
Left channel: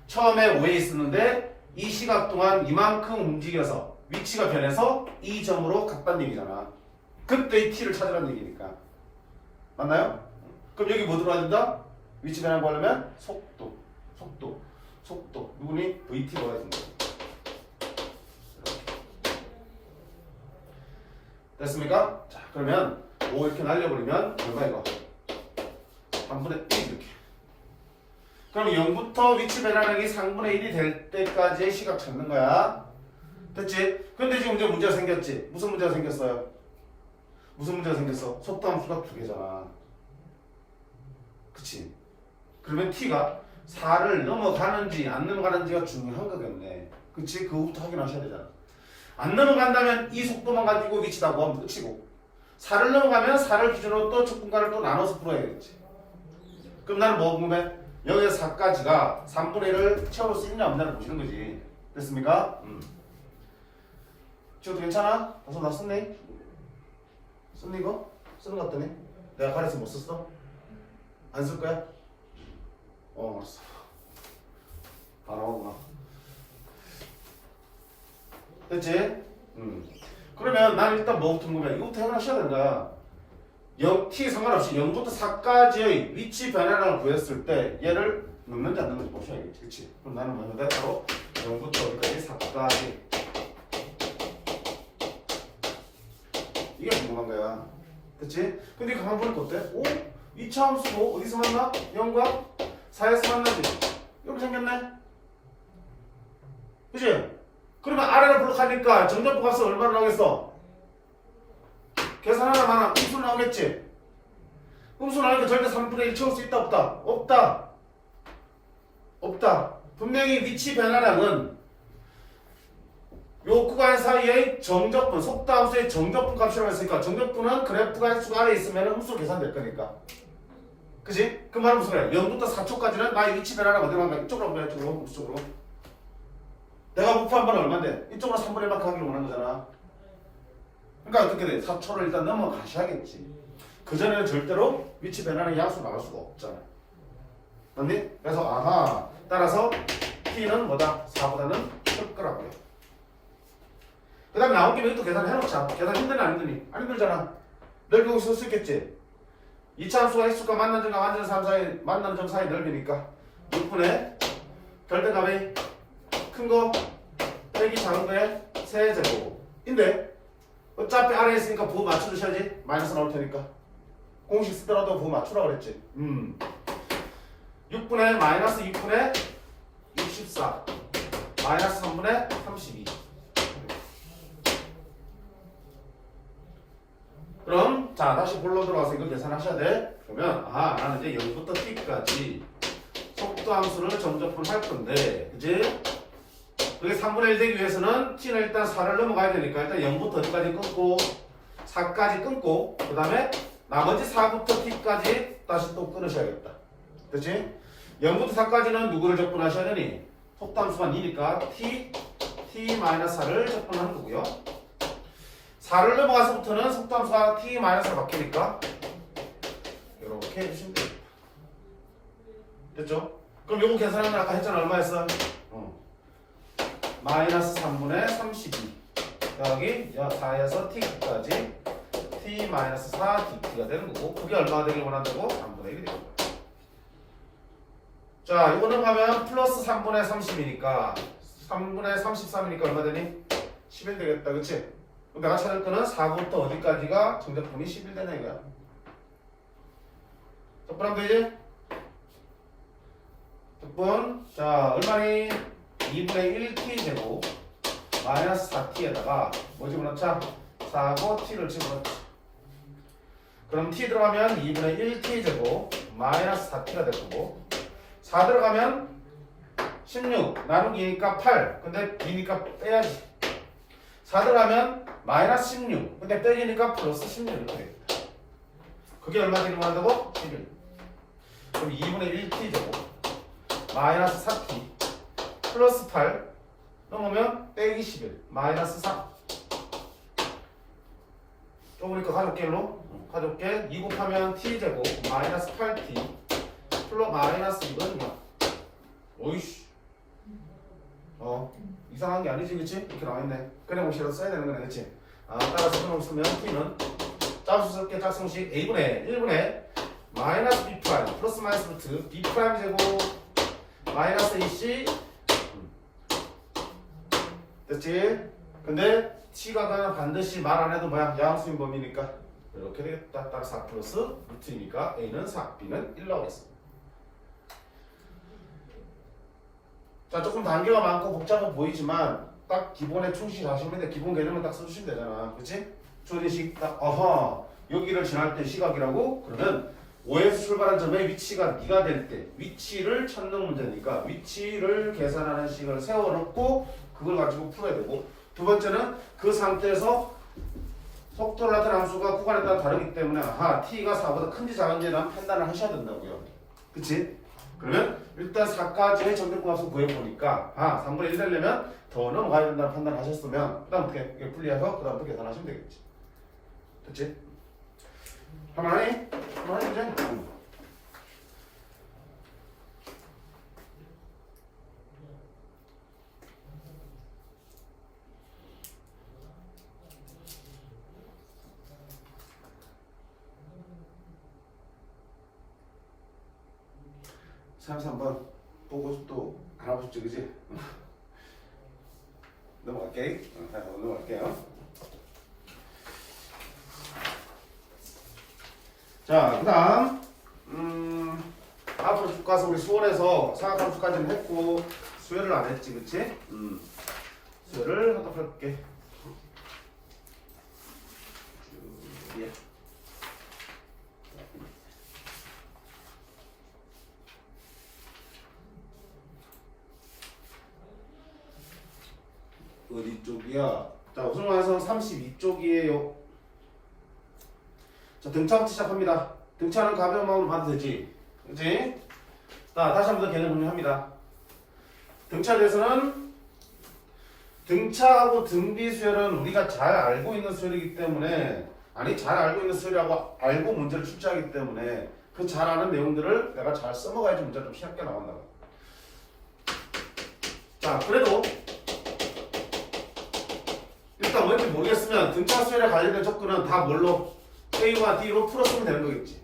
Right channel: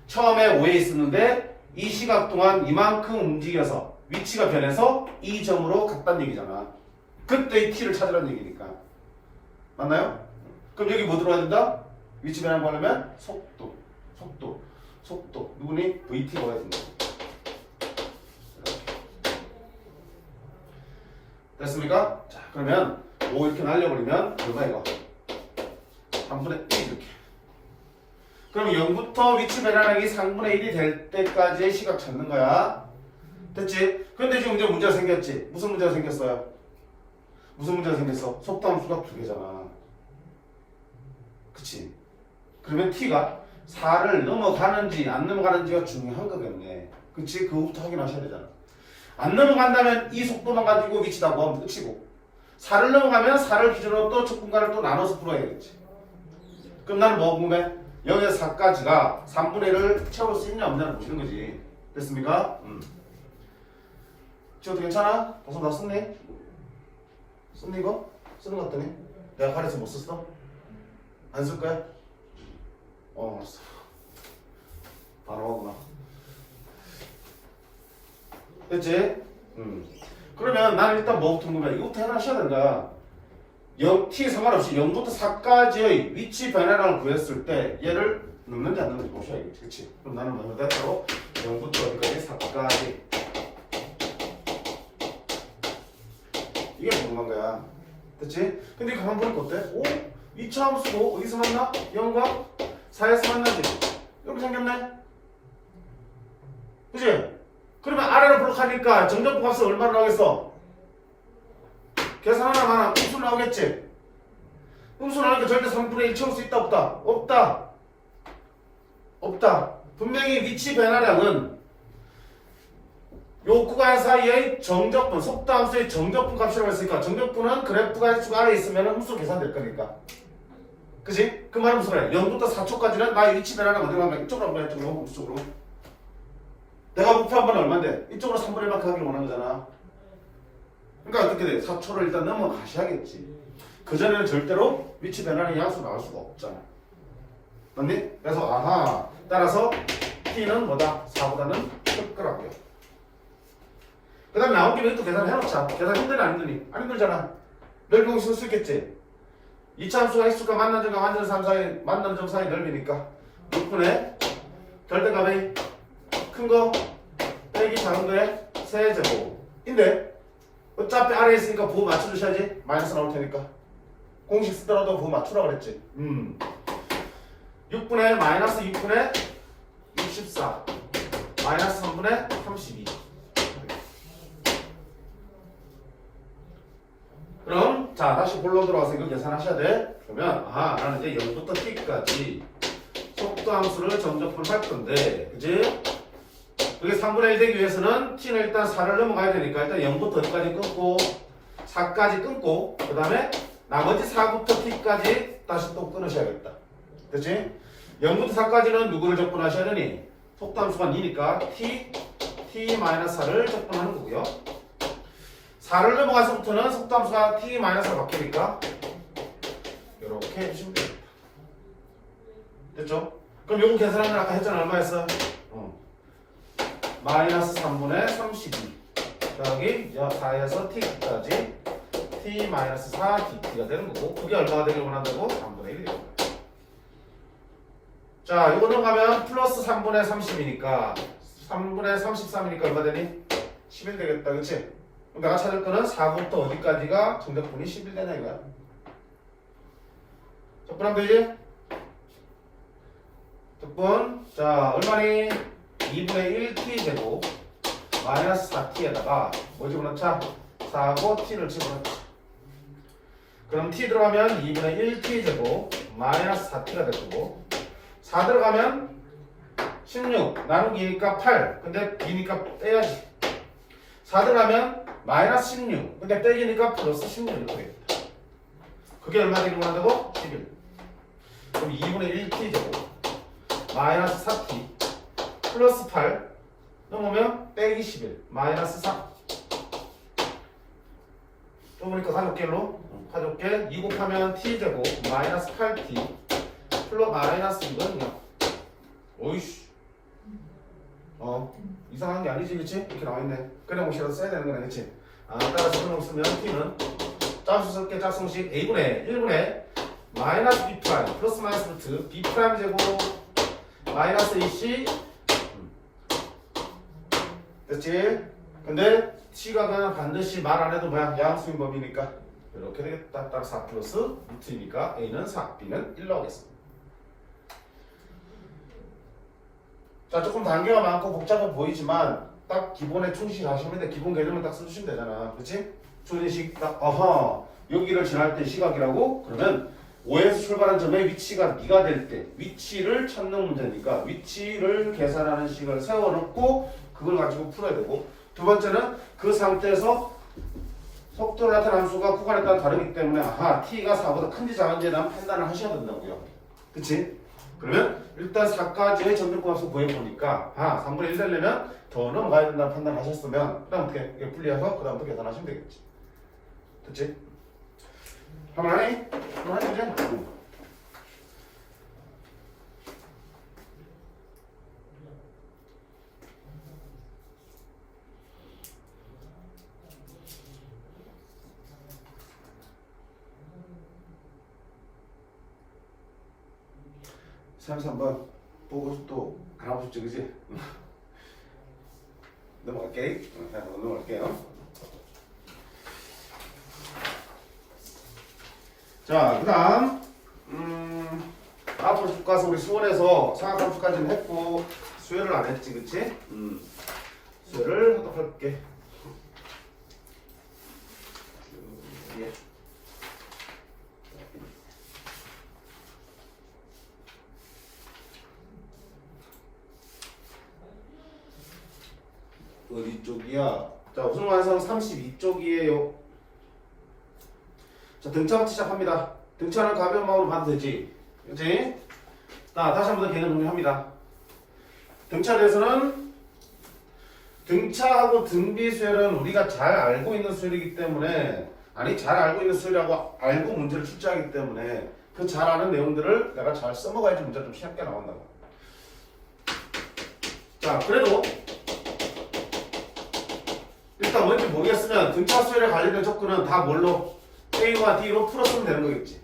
처음에 5에 있었는데 이 시각 동안 이만큼 움직여서 위치가 변해서 이 점으로 갔다는 얘기잖아. 그때 이 T를 찾으라는 얘기니까. 맞나요? 그럼 여기 뭐 들어와야 된다? 위치 변환 하려면 속도 누구니? VT 넣어야 된다. 됐습니까? 자 그러면 5 이렇게 날려버리면 얼마 이거? 3분의 1 이렇게. 그럼 0부터 위치 변환하기 3분의 1이 될 때까지의 시각 찾는 거야. 됐지? 근데 지금 이제 문제가 생겼지? 무슨 문제가 생겼어요? 무슨 문제가 생겼어? 속도 함수가 두 개잖아. 그치? 그러면 T가 4를 넘어가는지 안 넘어가는지가 중요한 거겠네. 그치? 그거부터 확인하셔야 되잖아. 안 넘어간다면 이 속도만 가지고 위치다 구하면 끝이고 4를 넘어가면 4를 기준으로 또 첫 공간을 또 나눠서 풀어야겠지. 그럼 나는 뭐 궁금해? 0에서 4까지가 3분의 1을 채울 수 있냐 없냐를 보시는 거지. 됐습니까? 지금도 괜찮아? 다소 나 썼네? 썼니 이거? 쓰는 거 같더니? 내가 가려서 못 썼어? 안 쓸 거야? 알았어. 바로 오구나. 됐지? 그러면 나는 일단 뭐부터 궁금해? 이거부터 해놔셔야 된다. 0t 상관없이 0부터 4까지의 위치 변화량을 구했을 때 얘를 넣는지 안 넣는지 보셔야겠지. 그치? 그럼 나는 뭐 넣는다? 바로 0부터 어디까지? 4까지. 이게 궁금한 거야. 됐지? 근데 가만 보니까 어때? 오? 2차 함수고 어디서 만나? 0과 4에서 만나지? 이렇게 생겼네? 그치? 그러면 아래로 블록하니까 정적분 값은 얼마나 나오겠어? 계산하나 마나 음수 나오겠지? 음수 나오니까 절대 3분의 1 채울 수 있다 없다? 없다. 분명히 위치 변화량은 요 구간 사이의 정적분, 속도함수의 정적분 값이라고 했으니까 정적분은 그래프가 X축 아래에 있으면 음수 계산될 거니까. 그치? 그 말은 무슨 말이야? 0부터 4초까지는 나의 위치 변화량 어디로 간다? 이쪽으로 한번 이쪽으로 음수쪽으로. 내가 목표 한 번에 얼만데? 이쪽으로 3분의 1만큼 하기를 원하는 거잖아. 그러니까 어떻게 돼? 4초를 일단 넘어가셔야겠지. 그전에는 절대로 위치 변화량이 양수 나올 수가 없잖아. 맞니? 그래서 따라서 T는 뭐다? 4보다는 클 거라고요. 그 다음에 나온 김에 또 계산을 해놓자. 계산 힘드니 안 힘드니? 안 힘들잖아. 넓이고 쓸 수 있겠지? 2차 함수가 X축과 만난 점과 완전 3 사이, 만난 점 사이 넓이니까 6분의 결대값의 큰 거 빼기 작은 거에 세제곱인데 어차피 아래에 있으니까 부호 맞춰주셔야지. 마이너스 나올 테니까 공식 쓰더라도 부호 맞추라고 그랬지. 6분의 마이너스 6분의 64 마이너스 3분의 32 그럼 자 다시 본론 들어와서 이거 계산하셔야 돼. 그러면 나는 이제 0부터 t까지 속도함수를 정적분을 할 건데, 그지? 여기 3분의 1 되기 위해서는 t는 일단 4를 넘어가야 되니까 일단 0부터 어디까지 끊고 4까지 끊고 그 다음에 나머지 4부터 t까지 다시 또 끊으셔야겠다. 그치? 0부터 4까지는 누구를 적분하셔야 되니? 속도함수가 2니까 t-4를 적분하는 거고요. 4를 넘어가서부터는 속도함수가 t-4가 바뀌니까 이렇게 해주시면 됩니다. 됐죠? 그럼 요거 계산하면 아까 했잖아. 얼마였어? 마이너스 3분의 32 여기 4에서 t까지 t-4 dt가 되는 거고, 그게 얼마가 되길 원한다고? 3분의 1이 되는 거고. 자, 이거 넘어가면 플러스 3분의 30이니까 3분의 33이니까 얼마 되니? 11 되겠다. 그치? 그럼 내가 찾을 거는 4부터 어디까지가 정적분이 11 되냐 이거야. 적분하면 되지? 적분. 자, 얼마니? 2분의 1t 제곱 마이너스 4t에다가 뭐 집어넣자? 4고 t를 집어넣자. 그럼 t 들어가면 2분의 1t 제곱 마이너스 4t가 될 거고, 4 들어가면 16 나누기니까 8 근데 b니까 빼야지. 4 들어가면 마이너스 16 근데 빼기니까 플러스 16 이렇게 되겠다. 그게 얼마 되는 거 한다고? 11. 그럼 2분의 1t 제곱 마이너스 4t 플러스 8 넘으면 빼기 11 마이너스 4. 또 보니까 가족계 일로 가족계 2 곱하면 t제곱 마이너스 8t 플러스 마이너스 이건 뭐야? 오이씨 이상한 게 아니지 그치? 이렇게 나와있네. 그냥 뭐 써야 되는 거네 그치? 따라서 그냥 쓰면 t는 짝수스럽게 짝수식 a분의 1분의 마이너스 b 프라임 플러스 마이너스 루트 b 프라임 제곱 마이너스 ac 됐지? 근데 t가 그냥 반드시 말 안 해도 뭐야? 양수인 범위니까 이렇게 되겠다. 따라 4 플러스 루트니까 a는 4, b는 1 나오겠습니다. 자, 조금 단계가 많고 복잡해 보이지만 딱 기본에 충실하시면 돼. 기본 개념을 딱 써주시면 되잖아. 그렇지? 주어진식 딱 여기를 지날 때 시각이라고? 그러면 5에서 출발한 점의 위치가 2가 될 때 위치를 찾는 문제니까 위치를 계산하는 식을 세워놓고 그걸 가지고 풀어야 되고, 두 번째는 그 상태에서 속도를 나타낸 함수가 구간에 따라 다르기 때문에 t가 4보다 큰지 작은지에 대한 판단을 하셔야 된다고요. 그치? 그러면 일단 4까지의 정적분함수 구해보니까 3분의 1 되려면 더 넘어가야 된다는 판단을 하셨으면 그 다음부터 분리해서 그 다음부터 계산하시면 되겠지. 됐지? 할만하니? 할만하지? 삼수 한번 보고 또 알아보시죠, 그지? 넘어갈게. 넘어갈게요. 자, 그 다음 앞으로 쭉 가서 우리 수원에서 사각함수까지는 했고 수열을 안 했지, 그치? 수열을 하다 볼게. 예. 어디 쪽이야? 자, 우승화에서 32쪽이에요. 자, 등차부터 시작합니다. 등차는 가벼운 마음으로 봐도 되지. 그치? 자, 다시 한번 더 개념 정리합니다. 등차에 대해서는 등차하고 등비 수열은 우리가 잘 알고 있는 수열이기 때문에, 잘 알고 있는 수열이라고 알고 문제를 출제하기 때문에 그 잘 아는 내용들을 내가 잘 써먹어야지 문제가 좀 쉽게 나온다고. 자, 그래도 일단 뭔지 모르겠으면 등차 수열에 관련된 조건은 다 뭘로? A와 D로 풀었으면 되는 거겠지.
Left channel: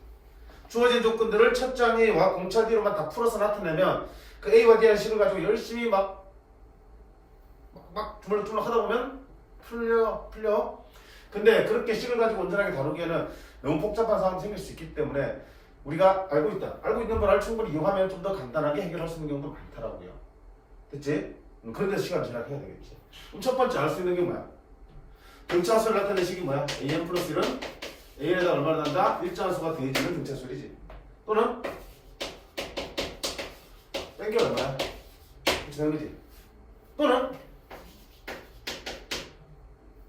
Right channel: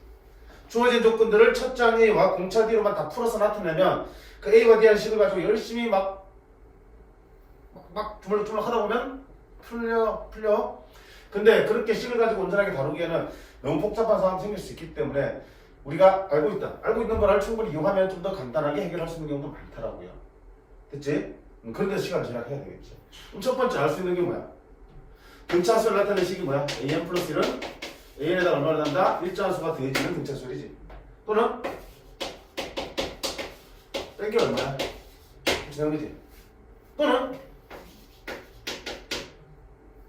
주어진 조건들을 첫 장 A와 공차 D로만 다 풀어서 나타내면 그 A와 D의 식을 가지고 열심히 막 주물주물 하다 보면 풀려. 근데 그렇게 식을 가지고 온전하게 다루기에는 너무 복잡한 상황이 생길 수 있기 때문에 우리가 알고 있는 걸 충분히 이용하면 좀 더 간단하게 해결할 수 있는 경우도 많더라고요. 됐지? 그런 데서 시간을 절약해야 되겠지. 그럼 첫 번째 알 수 있는 게 뭐야? 등차 수를 나타내는 식이 뭐야? AN 플러스 1은 A에다 얼마를 넣는다? 일정한 수가 더해지는 등차수열이지. 또는 뺀 게 얼마야? 그렇게 되는 거지. 또는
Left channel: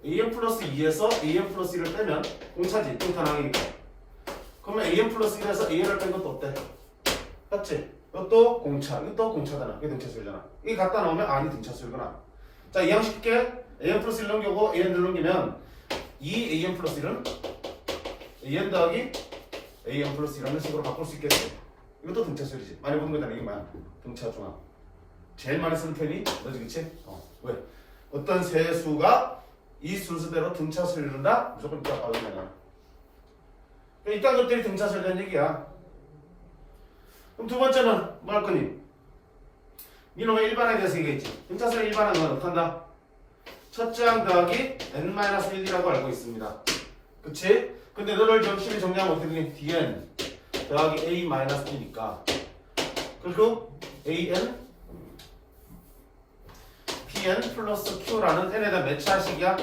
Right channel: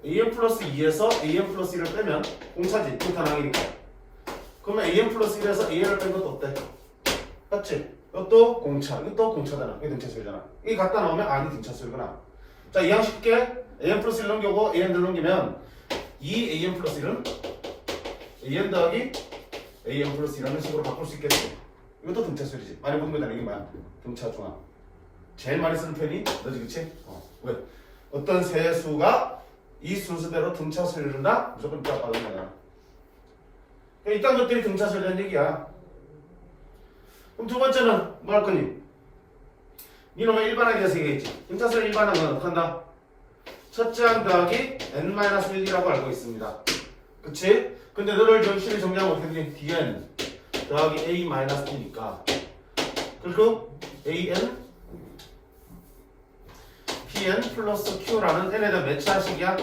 an 플러스 2에서 an 플러스 1을 빼면 공차지. 등탄항이니까. 그러면 an 플러스 1에서 an을 뺀 것도 어때? 맞지? 이것도 공차. 이것도 공차잖아. 이게 등차수열이잖아. 이게 갖다 놓으면 아니 등차수열이구나. 자, 이 양식 쉽게 an 플러스 1 넘겨고 an을 넘기면 이 an 플러스 1은 an 더하기 an 플러스 1이라는 식으로 바꿀 수 있겠지. 이것도 등차수열이지. 많이 보는 거잖아. 이게 뭐야? 등차중앙. 제일 많이 쓰는 표현이 너지, 그치? 왜? 어떤 세수가 이 순서대로 등차수열을 이룬다? 무조건 이따 빠른 거야. 이딴 것들이 등차수열이라는 얘기야. 그럼 두 번째는 뭐 할 거니? 니놈의 일반항에 대해서 얘기했지. 등차수열 일반항은 어떻게 한다? 첫째 항 더하기 n-1이라고 알고 있습니다. 그치? 근데 너를 정신을 정리하면 어떻게 되니? dn 더하기 a-b니까 그리고 an pn 플러스 q라는 n에다 몇 차식이야?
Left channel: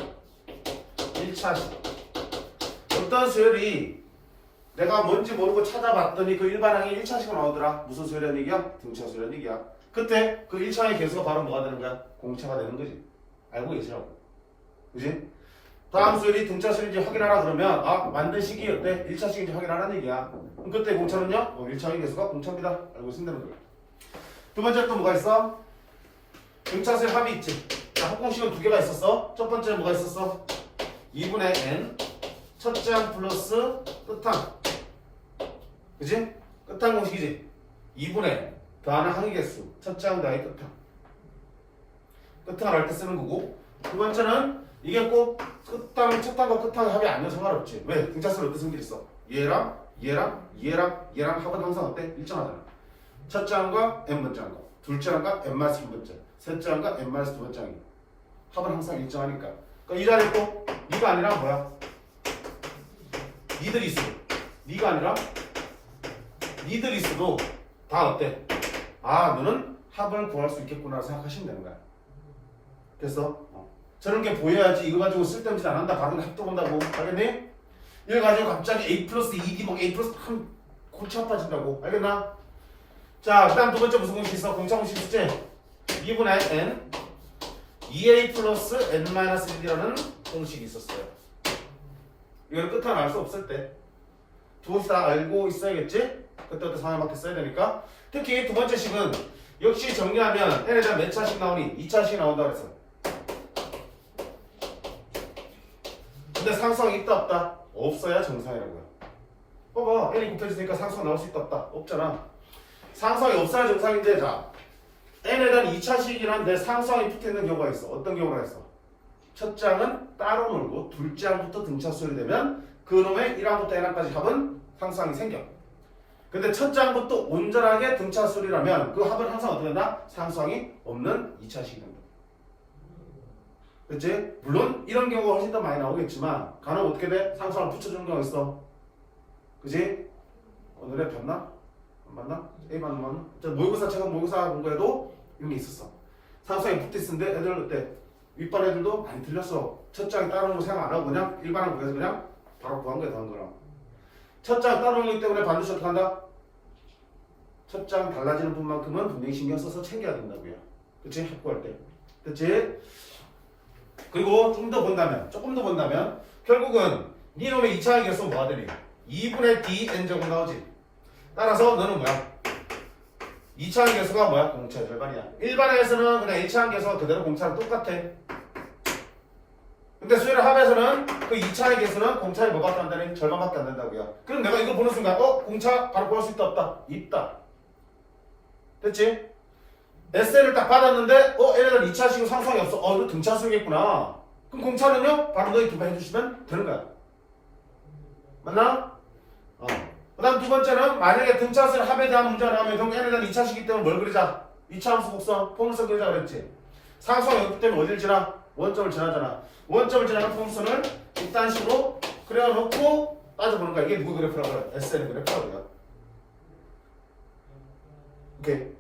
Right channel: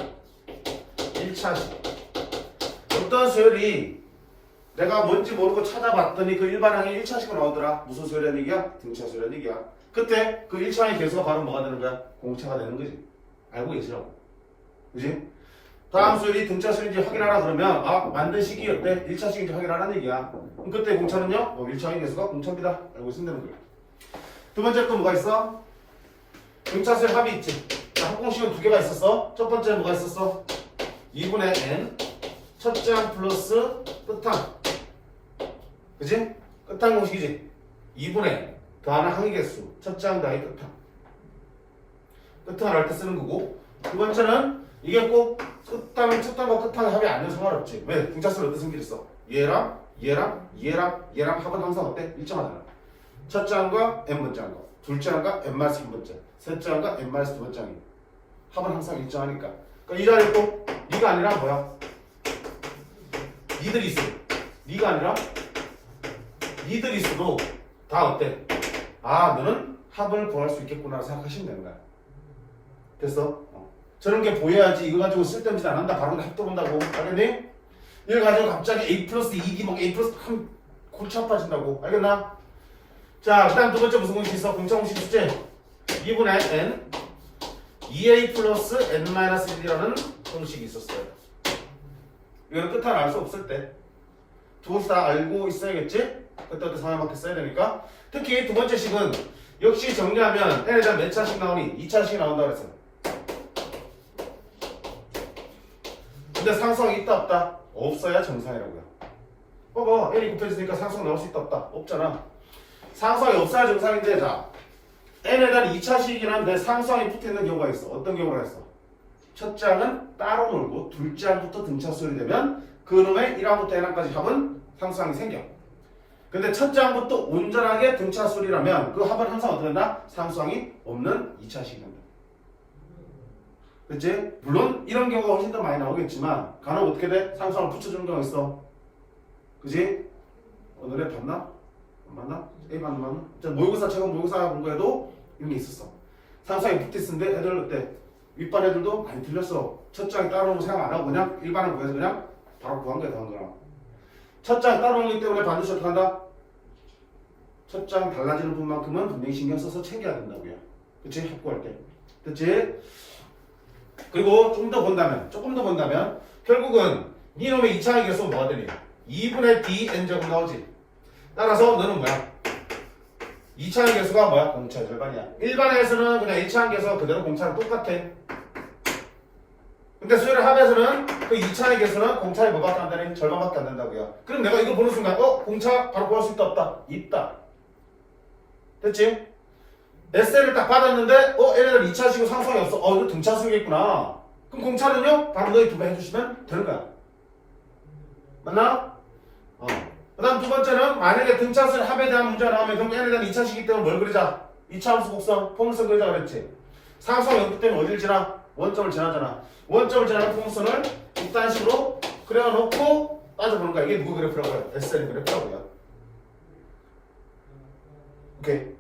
1차식. 어떤 수열이 내가 뭔지 모르고 찾아봤더니 그 일반항이 1차식으로 나오더라. 무슨 수열이라는 얘기야? 등차수열이라는 얘기야. 그때 그 1차항의 개수가 바로 뭐가 되는 거야? 공차가 되는 거지. 알고 계시라고. 그지? 다음 수열이 등차수열인지 확인하라 그러면 만든 시기 어때? 1차식인지 확인하라는 얘기야. 그럼 그때 공차는요? 1차항의 개수가 공차입니다. 알고 있으면 되는 거야. 두 번째 또 뭐가 있어? 등차수열 합이 있지. 자, 합공식은 두 개가 있었어. 첫 번째는 뭐가 있었어? 2분의 n 첫째 항 플러스 끝항. 그지? 끝항 공식이지. 2분의 더하는 항의 개수. 첫째 항 더하기 끝항. 끝항을 할 때 쓰는 거고. 두 번째는 이게 꼭 끝항, 첫항과 끝항의 합이 아니면 상관없지. 왜? 등차수열 어떤 성질이 있어? 얘랑 합은 항상 어때? 일정하잖아. 첫째 항과 n번째 항과 둘째 항과 n-3번째 셋째 항과 n-2번째 항이 합은 항상 일정하니까. 그러니까 이 자리에 또 니가 아니라 뭐야? 니들이 있어. 니가 아니라 니들이 있어도 다 어때? 너는 합을 구할 수 있겠구나 생각하시면 되는 거야. 됐어? 저런 게 보여야지 이거 가지고 쓸데없는 짓 안 한다. 바로 합도 본다고. 알겠니? 이걸 가지고 갑자기 a 플러스 2d 막 a 플러스 하면 골치 아파진다고. 알겠나? 자, 그 다음 두 번째 무슨 공식 있어? 공차 공식 있지? 2분의 n 2a 플러스 n-1이라는 공식이 있었어요. 이거는 끝을 알 수 없을 때 두 곳이 다 알고 있어야겠지? 그때 상황에 맞게 써야 되니까. 특히 두 번째 식은 역시 정리하면 n에 대한 몇 차씩 나오니? 2차씩 나온다 그랬어. 근데 상수항이 있다 없다? 없어야 정상이라고요. 봐봐, n이 곱해지니까 상수항 나올 수 있다 없다? 없잖아. 상수항이 없어야 정상인데, 자, n에 대한 2차식이긴 한데 상수항이 붙어있는 경우가 있어. 어떤 경우가 있어? 첫째 항은 따로 놀고 둘째 항부터 등차수열이 되면 그놈의 1항부터 n항까지 합은 상수항이 생겨. 근데 첫째 항부터 온전하게 등차수열이라면 그 합은 항상 어떻게 된다? 상수항이 없는 2차식이 된다. 그치? 물론 이런 경우가 훨씬 더 많이 나오겠지만 간혹 어떻게 돼? 상수항을 붙여주는 경우가 있어. 그치? 오늘에 봤나? 안 봤나? A 봤나? 모의고사 최근 모의고사 본 거에도 이런 게 있었어. 상수항이 붙어있는데 애들 어때? 윗반 애들도 많이 틀렸어. 첫 장이 따로오는 거 생각 안 하고 그냥 일반을 구해서 그냥 바로 구한 게 다른 거라. 첫 장 따로오는 거기 때문에 반드시 어떻게 한다? 첫 장 달라지는 분만큼은 분명히 신경 써서 챙겨야 된다고요. 그치? 합구할 때. 그치? 그리고 조금 더 본다면 결국은 니놈의 2차의 개수는 뭐가 되니? 2분의 dn 제곱 나오지. 따라서 너는 뭐야? 2차의 개수가 뭐야? 공차의 절반이야. 일반에서는 그냥 1차의 개수가 그대로 공차랑 똑같아. 근데 수열의 합에서는 그 2차의 개수는 공차의 뭐밖에 안 되니? 절반밖에 안 된다고요. 그럼 내가 이거 보는 순간 공차 바로 구할 수 있다 없다? 있다. 됐지? SL을 딱 받았는데 얘네들 2차식이고 상수항이 없어. 이거 등차수겠구나. 그럼 공차는요? 바로 너희 두 배 해주시면 되는 거야. 맞나? 그 다음 두 번째는 만약에 등차수의 합에 대한 문제가 나오면 결국 얘네들은 2차식이기 때문에 뭘 그리자? 2차 함수 곡선 포물선 그리자 그랬지. 상수항이 없기 때문에 어딜 지나? 원점을 지나잖아. 원점을 지나는 포물선을 이딴 식으로 그려놓고 따져보는 거야. 이게 누구 그래프라고 해요? SL 그래프라고요. 오케이.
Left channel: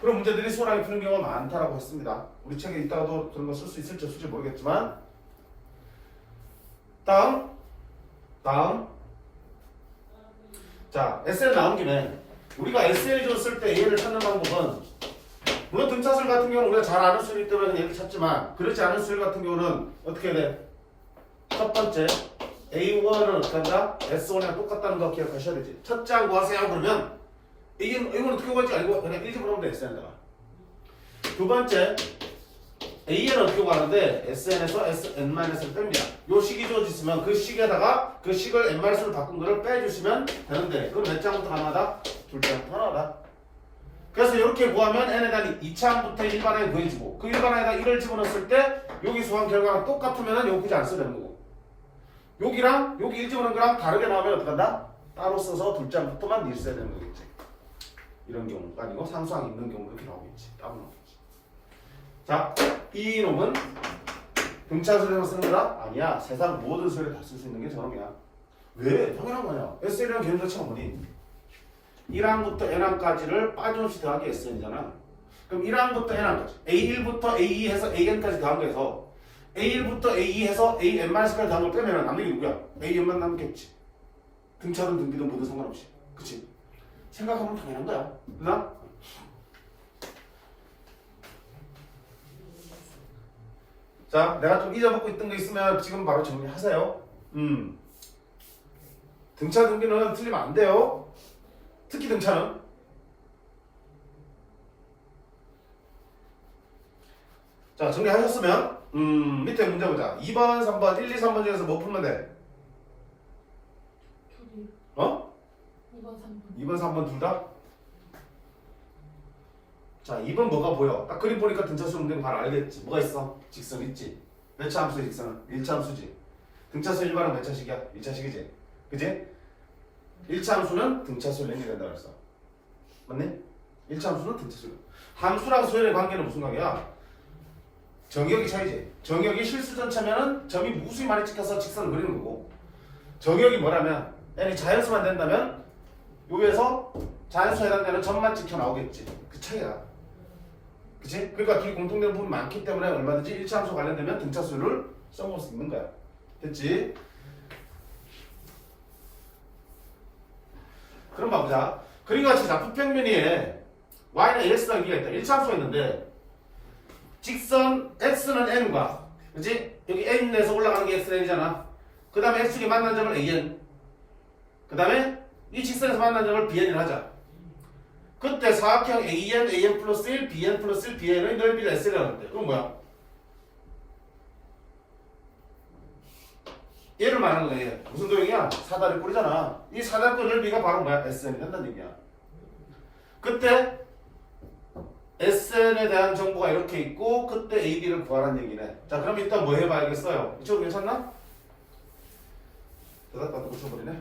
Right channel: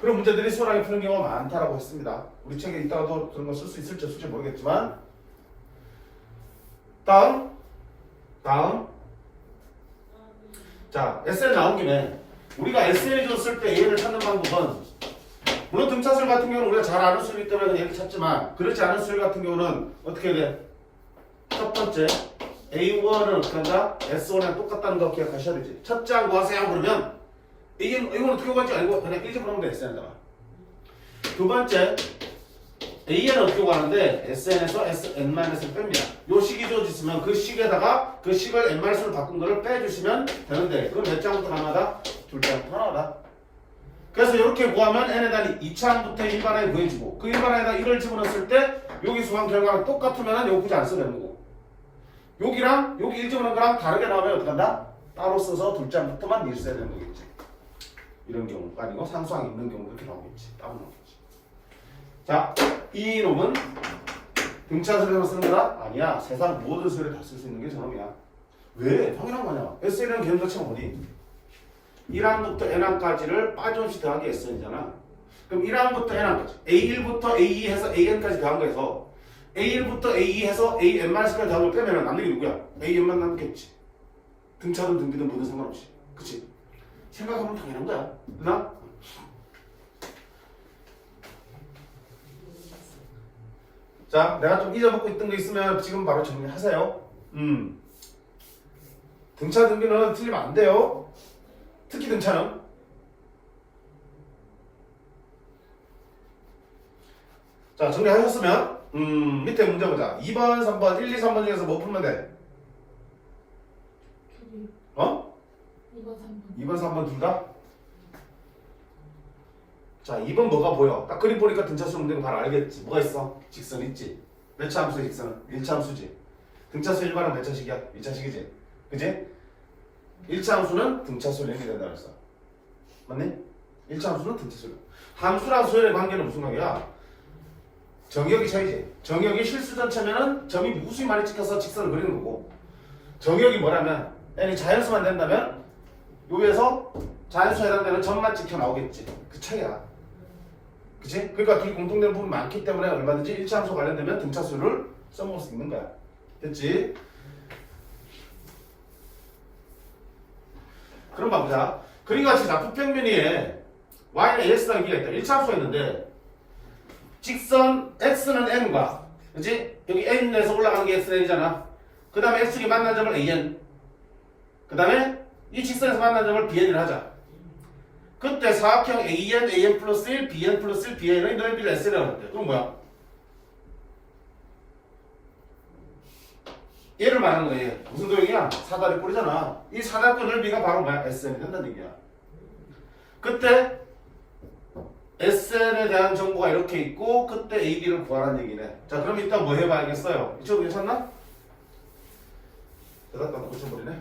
그런 문제들이 수월하게 푸는 경우가 많다라고 했습니다. 우리 책에 이따가도 그런 거 쓸 수 있을지 없을지 모르겠지만. 다음 다음. 자, SN 나온 김에 우리가 SN이 줬을 때 AN을 찾는 방법은 물론 등차수열 같은 경우는 우리가 잘 아는 수이기 때문에 그냥 이렇게 찾지만 그렇지 않은 수열 같은 경우는 어떻게 해야 돼? 첫 번째 A1은 어떻게 한다? S1이랑 똑같다는 거 기억하셔야 되지. 첫째 한 구하세요 그러면 이건 어떻게 구할지 알고 그냥 일집으로 하면 돼. SN에다가. 두 번째 AN은 어떻게 구하는데 SN에서 SN-을 뺍니다. 요 식이 주어졌으면 그 식에다가 그 식을 N-로 바꾼 거를 빼주시면 되는데 그럼 몇 장부터 가능하다? 둘 장부터 가능하다. 그래서 이렇게 구하면 N에다 2차항부터 일반항에 구해주고 그 일반항에다 1을 집어넣었을 때 여기 수학 결과랑 똑같으면 이거 굳이 안 써도 되는 거고 여기랑 여기 1 집어넣은 거랑 다르게 나오면 어떻게 한다? 따로 써서 둘 장부터만 일 써야 되는 거겠지. 이런 경우가 아니고 상수항 있는 경우 이렇게 나오겠지. 따로 나오겠지. 자, 이 놈은 등차수열에만 쓰는 거다? 아니야. 세상 모든 수열에 다 쓸 수 있는 게 저놈이야. 왜? 당연한 거냐. SN이랑 개념 자체가 뭐니? 1항부터 N항까지를 빠짐없이 더하기 SN이잖아. 그럼 1항부터 N항까지 A1부터 A2 해서 AN까지 더한 거에서 A1부터 A2 해서 AN-까지 더한 걸 빼면 남는 게 누구야? AN만 남겠지. 등차든 등비든 뭐든 상관없이. 그치? 생각하면 당연한 거야. 누나? 자, 내가 좀 잊어먹고 있던 거 있으면 지금 바로 정리하세요. 등차 등비는 틀리면 안 돼요. 특히 등차는. 자, 정리하셨으면 밑에 문제 보자. 2번, 3번, 1, 2, 3번 중에서 뭐 풀면 돼? 어? 2번, 3번. 2번, 3번 둘 다? 자, 2번 뭐가 보여? 딱 그림 보니까 등차수 문제는 바로 알겠지. 뭐가 있어? 직선 있지. 몇 차 함수의 직선은? 1차 함수지. 등차수 일반은 몇 차식이야? 1차식이지. 그지? 1차 함수는 등차수 연결이 된다 그랬어. 맞네? 1차 함수는 등차수. 함수랑 수열의 관계는 무슨 관계야? 정역이 차이지. 정역이 실수전체면은 점이 무수히 많이 찍혀서 직선을 그리는 거고 정역이 뭐라면 n이 자연수만 된다면 여기에서 자연수에 해당되는 점만 찍혀 나오겠지. 그 차이야. 그치? 그러니까 둘이 공통된 부분이 많기 때문에 얼마든지 1차 함수 관련되면 등차수를 써먹을 수 있는 거야. 됐지? 그럼 봐보자. 그림과 같이 좌표평면위에 y는 ax라는 길이가 있다. 1차 함수가 있는데 직선 x는 n과 그치? 여기 n에서 올라가는 게 xn이잖아. 그 다음에 x축이 만난 점을 an 그 다음에 이 직선에서 만난 점을 bn을 하자. 그때 사각형 an 플러스 1, bn 플러스 1, bn의 넓이를 s라고 했대. 그럼 뭐야? 얘를 말하는 거야. 얘. 무슨 도형이야? 사다리 꼴이잖아. 이 사다리 넓이가 바로 뭐야? sn이 된다는 얘기야. 그때 SN에 대한 정보가 이렇게 있고 그때 AB를 구하라는 얘기네. 자, 그럼 일단 뭐 해봐야겠어요? 이쪽 괜찮나? 나도 고쳐버리네.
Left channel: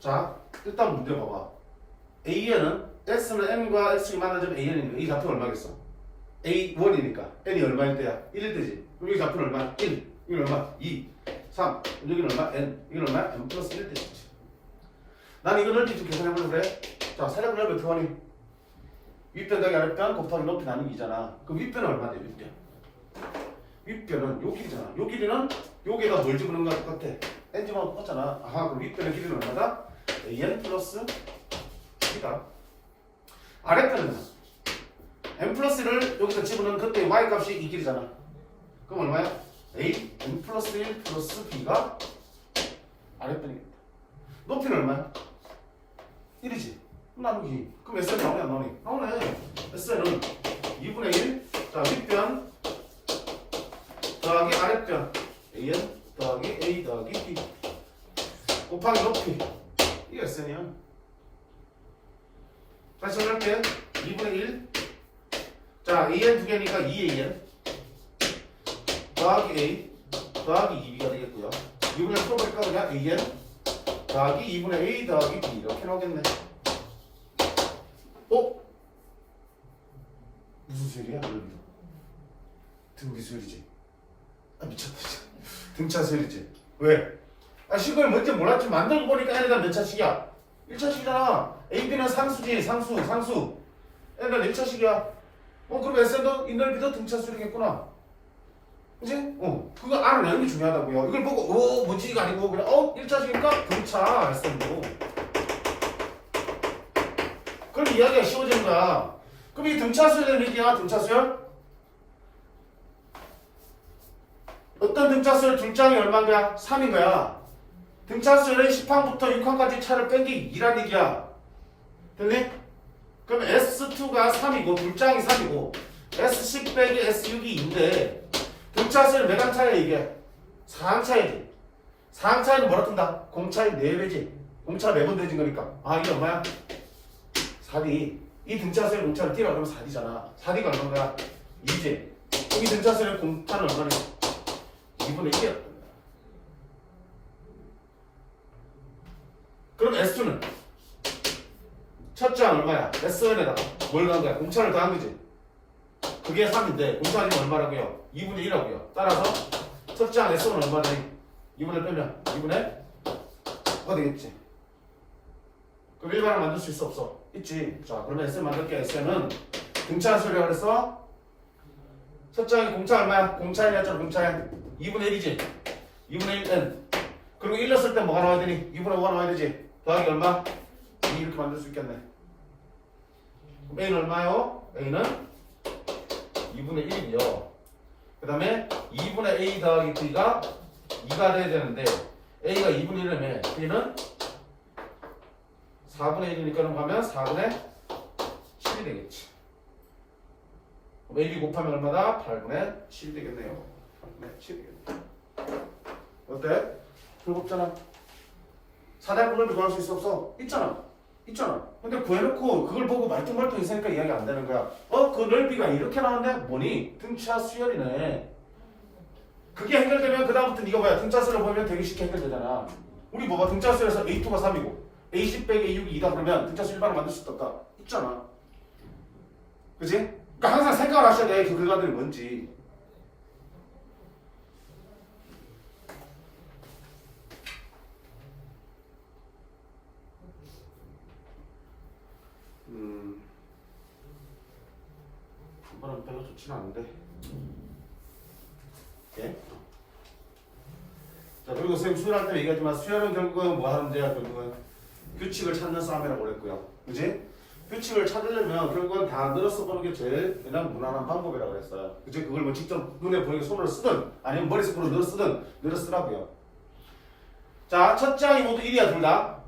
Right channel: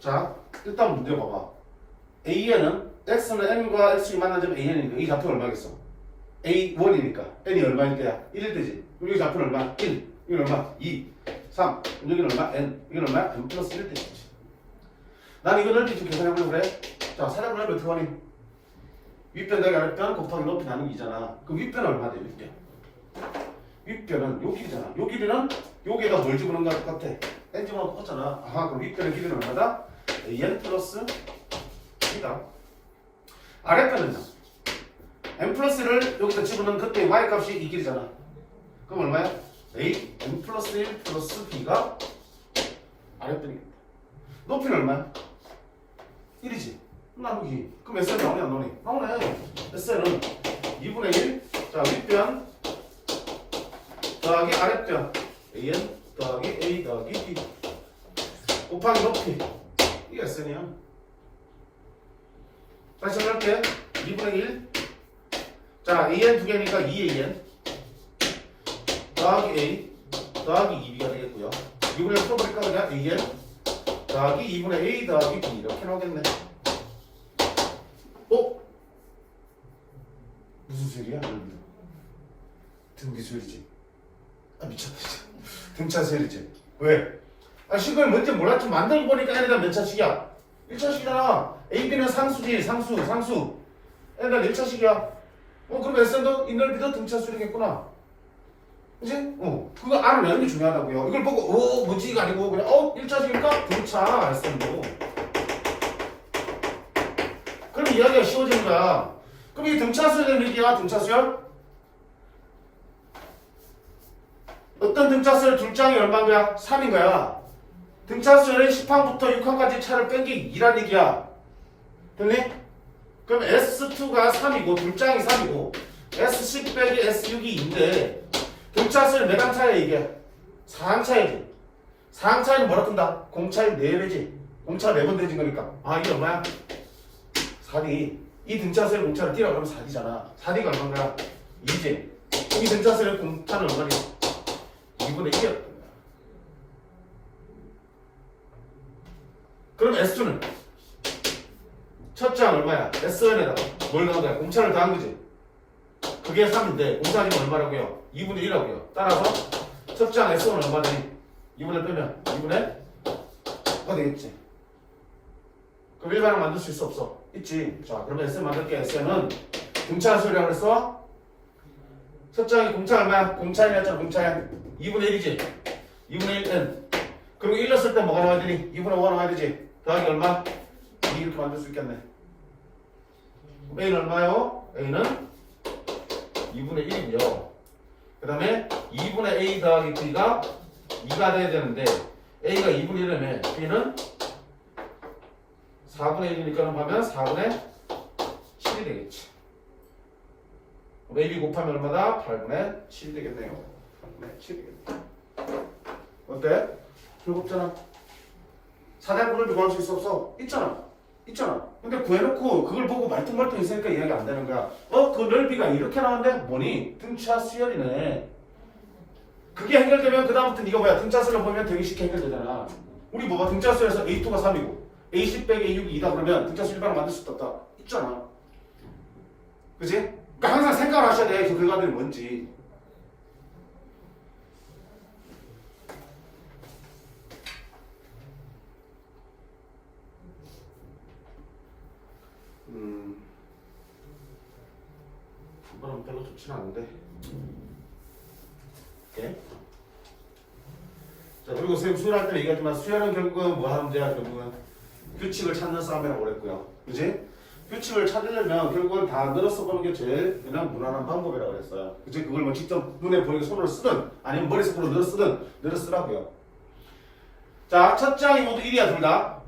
자, 일단 문제 봐봐. AN은 X는 N과 X축이 만난 점 AN이니까 이 값이 얼마겠어? A1이니까 N이 얼마일 때야? 1일 때지. 그럼 여기 값은 얼마? 1. 여기는 얼마? 2. 3. 여기는 얼마? N. 여기는 얼마? N 플러스 1일 때지. 난 이거 넓이 좀 계산해보려고 그래. 자, 사람 넓이 어떻게 하니? 윗변 더하기 아랫변 곱하기 높이 나누기잖아. 그럼 윗변은 얼마 돼? 윗변. 윗변은 요 길이잖아. 요 길이는 여기에다 뭘 집어넣은 거랑 똑같아. n 집어넣은 똑같잖아. 아하, 그럼 윗변의 길이는 얼마다? an 플러스 2다. 아랫변은요? n 플러스1을 여기다 집어넣은 그때 y 값이 이 길이잖아. 그럼 얼마야? a n 플러스 1 플러스 b가 아랫변이겠다. 높이는 얼마야? 1이지. 나누기. 그럼 SN 나오냐 안 나오니? 나오네. SN은 2분의 1. 자, 윗변 더하기 아랫변 AN 더하기 A 더하기 B 곱하기 높이. 이게 SN이야. 다시 정리할게. 2분의 1. 자, AN 두 개니까 2AN 더하기 A 더하기 2B가 되겠고요. 2분의 1 풀어버릴까 그냥 AN 더하기 2분의 A 더하기 B 이렇게 나오겠네. 무슨 수열이야? 등비 수열이지. 아, 미쳤다 진짜. 등차 수열이지. 왜? 아, 식을 뭔지 몰랐지. 만들고 보니까 N에다 몇 차식이야? 1차식이잖아. AB는 상수지. 상수. N에다 1차식이야. 그럼 SN도 이 넓이도 등차 수열이겠구나. 그지? 그거 알아내는 게 중요하다고요. 이걸 보고 뭐지가 아니고 그냥 일자식일까? 등차 했었고. 그럼 이야기가 쉬워지는 거야. 그럼 이 등차 수열의 얘기야. 등차 수열? 어떤 등차 수열 둘 짱이 얼마인 거야? 3인 거야. 등차 수열의 10항부터 6항까지 차를 뺀 게 2란 얘기야. 됐니? 그럼 S2가 3이고 둘 짱이 3이고 S10 빼기 S6이 2인데 등차 수열 몇 항 차야 이게? 4항 차이지. 4항 차이는 뭐라 뜬다? 공차의 4배지. 공차가 4번 되진 거니까. 이게 얼마야? 4D. 이 등차수의 공차를 띄라 그러면 4D잖아. 4D가 얼마야? 2지. 이 등차수의 공차는 얼마니? 2분의 1이야. 그럼 S2는 첫째 항 얼마야? S1에다가 뭘 간 거야? 공차를 더한 거지. 그게 3인데 공차지면 얼마라고요? 2분의 1이라고요. 따라서 첫째 항 S1은 얼마니? 2분의 빼면 2분의 5가 되겠지. 그럼 일반항 만들 수 있어 없어? 있지. 자 그러면 SM 만들게. SM은 공차 수열이라고 그랬어? 첫째 항이 공차 얼마야? 공차에 했잖아. 공차에 2분의 1이지. 2분의 1은 그리고 1 넣었을 때 뭐가 나와야 되니? 2분의 5가 나와야 되지. 더하기 얼마? 2 이렇게 만들 수 있겠네. A는 얼마요? A는 2분의 1이고요. 그 다음에 2분의 A 더하기 B가 2가 돼야 되는데 A가 2분의 1이라면 B는 4분의 1이니까는 하면 4분의 7이 되겠지. AB 곱하면 얼마다? 8분의 7이 되겠네요. 8분의 7이 되겠네. 어때? 즐겁잖아. 4대분을 구할 수 있어 없어? 있잖아. 있잖아. 근데 구해놓고 그걸 보고 말똥말똥 있으니까 이야기 안 되는 거야. 그 넓이가 이렇게 나왔는데 뭐니? 등차 수열이네. 그게 해결되면 그 다음부터 네가 뭐야? 등차 수열을 보면 되게 쉽게 해결되잖아. 우리 뭐가 등차 수열에서 A2가 3이고 A10 빼기 A6이 2다 그러면 등차 수열 일반을 만들 수 있다. 있잖아. 그치? 그러니까 항상 생각을 하셔야 돼. 그 결과들이 뭔지. 이번은 별로 좋지는 않은데. 오케이. 자 그리고 선생님 수열할 때 얘기하지만 수열은 결국은 뭐 하는 데야? 결국은 규칙을 찾는 싸움이라고 그랬고요. 그치? 규칙을 찾으려면 결국은 다 늘어서 보는 게 제일 그냥 무난한 방법이라고 그랬어요. 그치? 그걸 뭐 직접 눈에 보이게 손으로 쓰든 아니면 머릿속으로 늘어 쓰든 늘어 쓰라고요. 자, 첫 장이 모두 1이야 둘 다.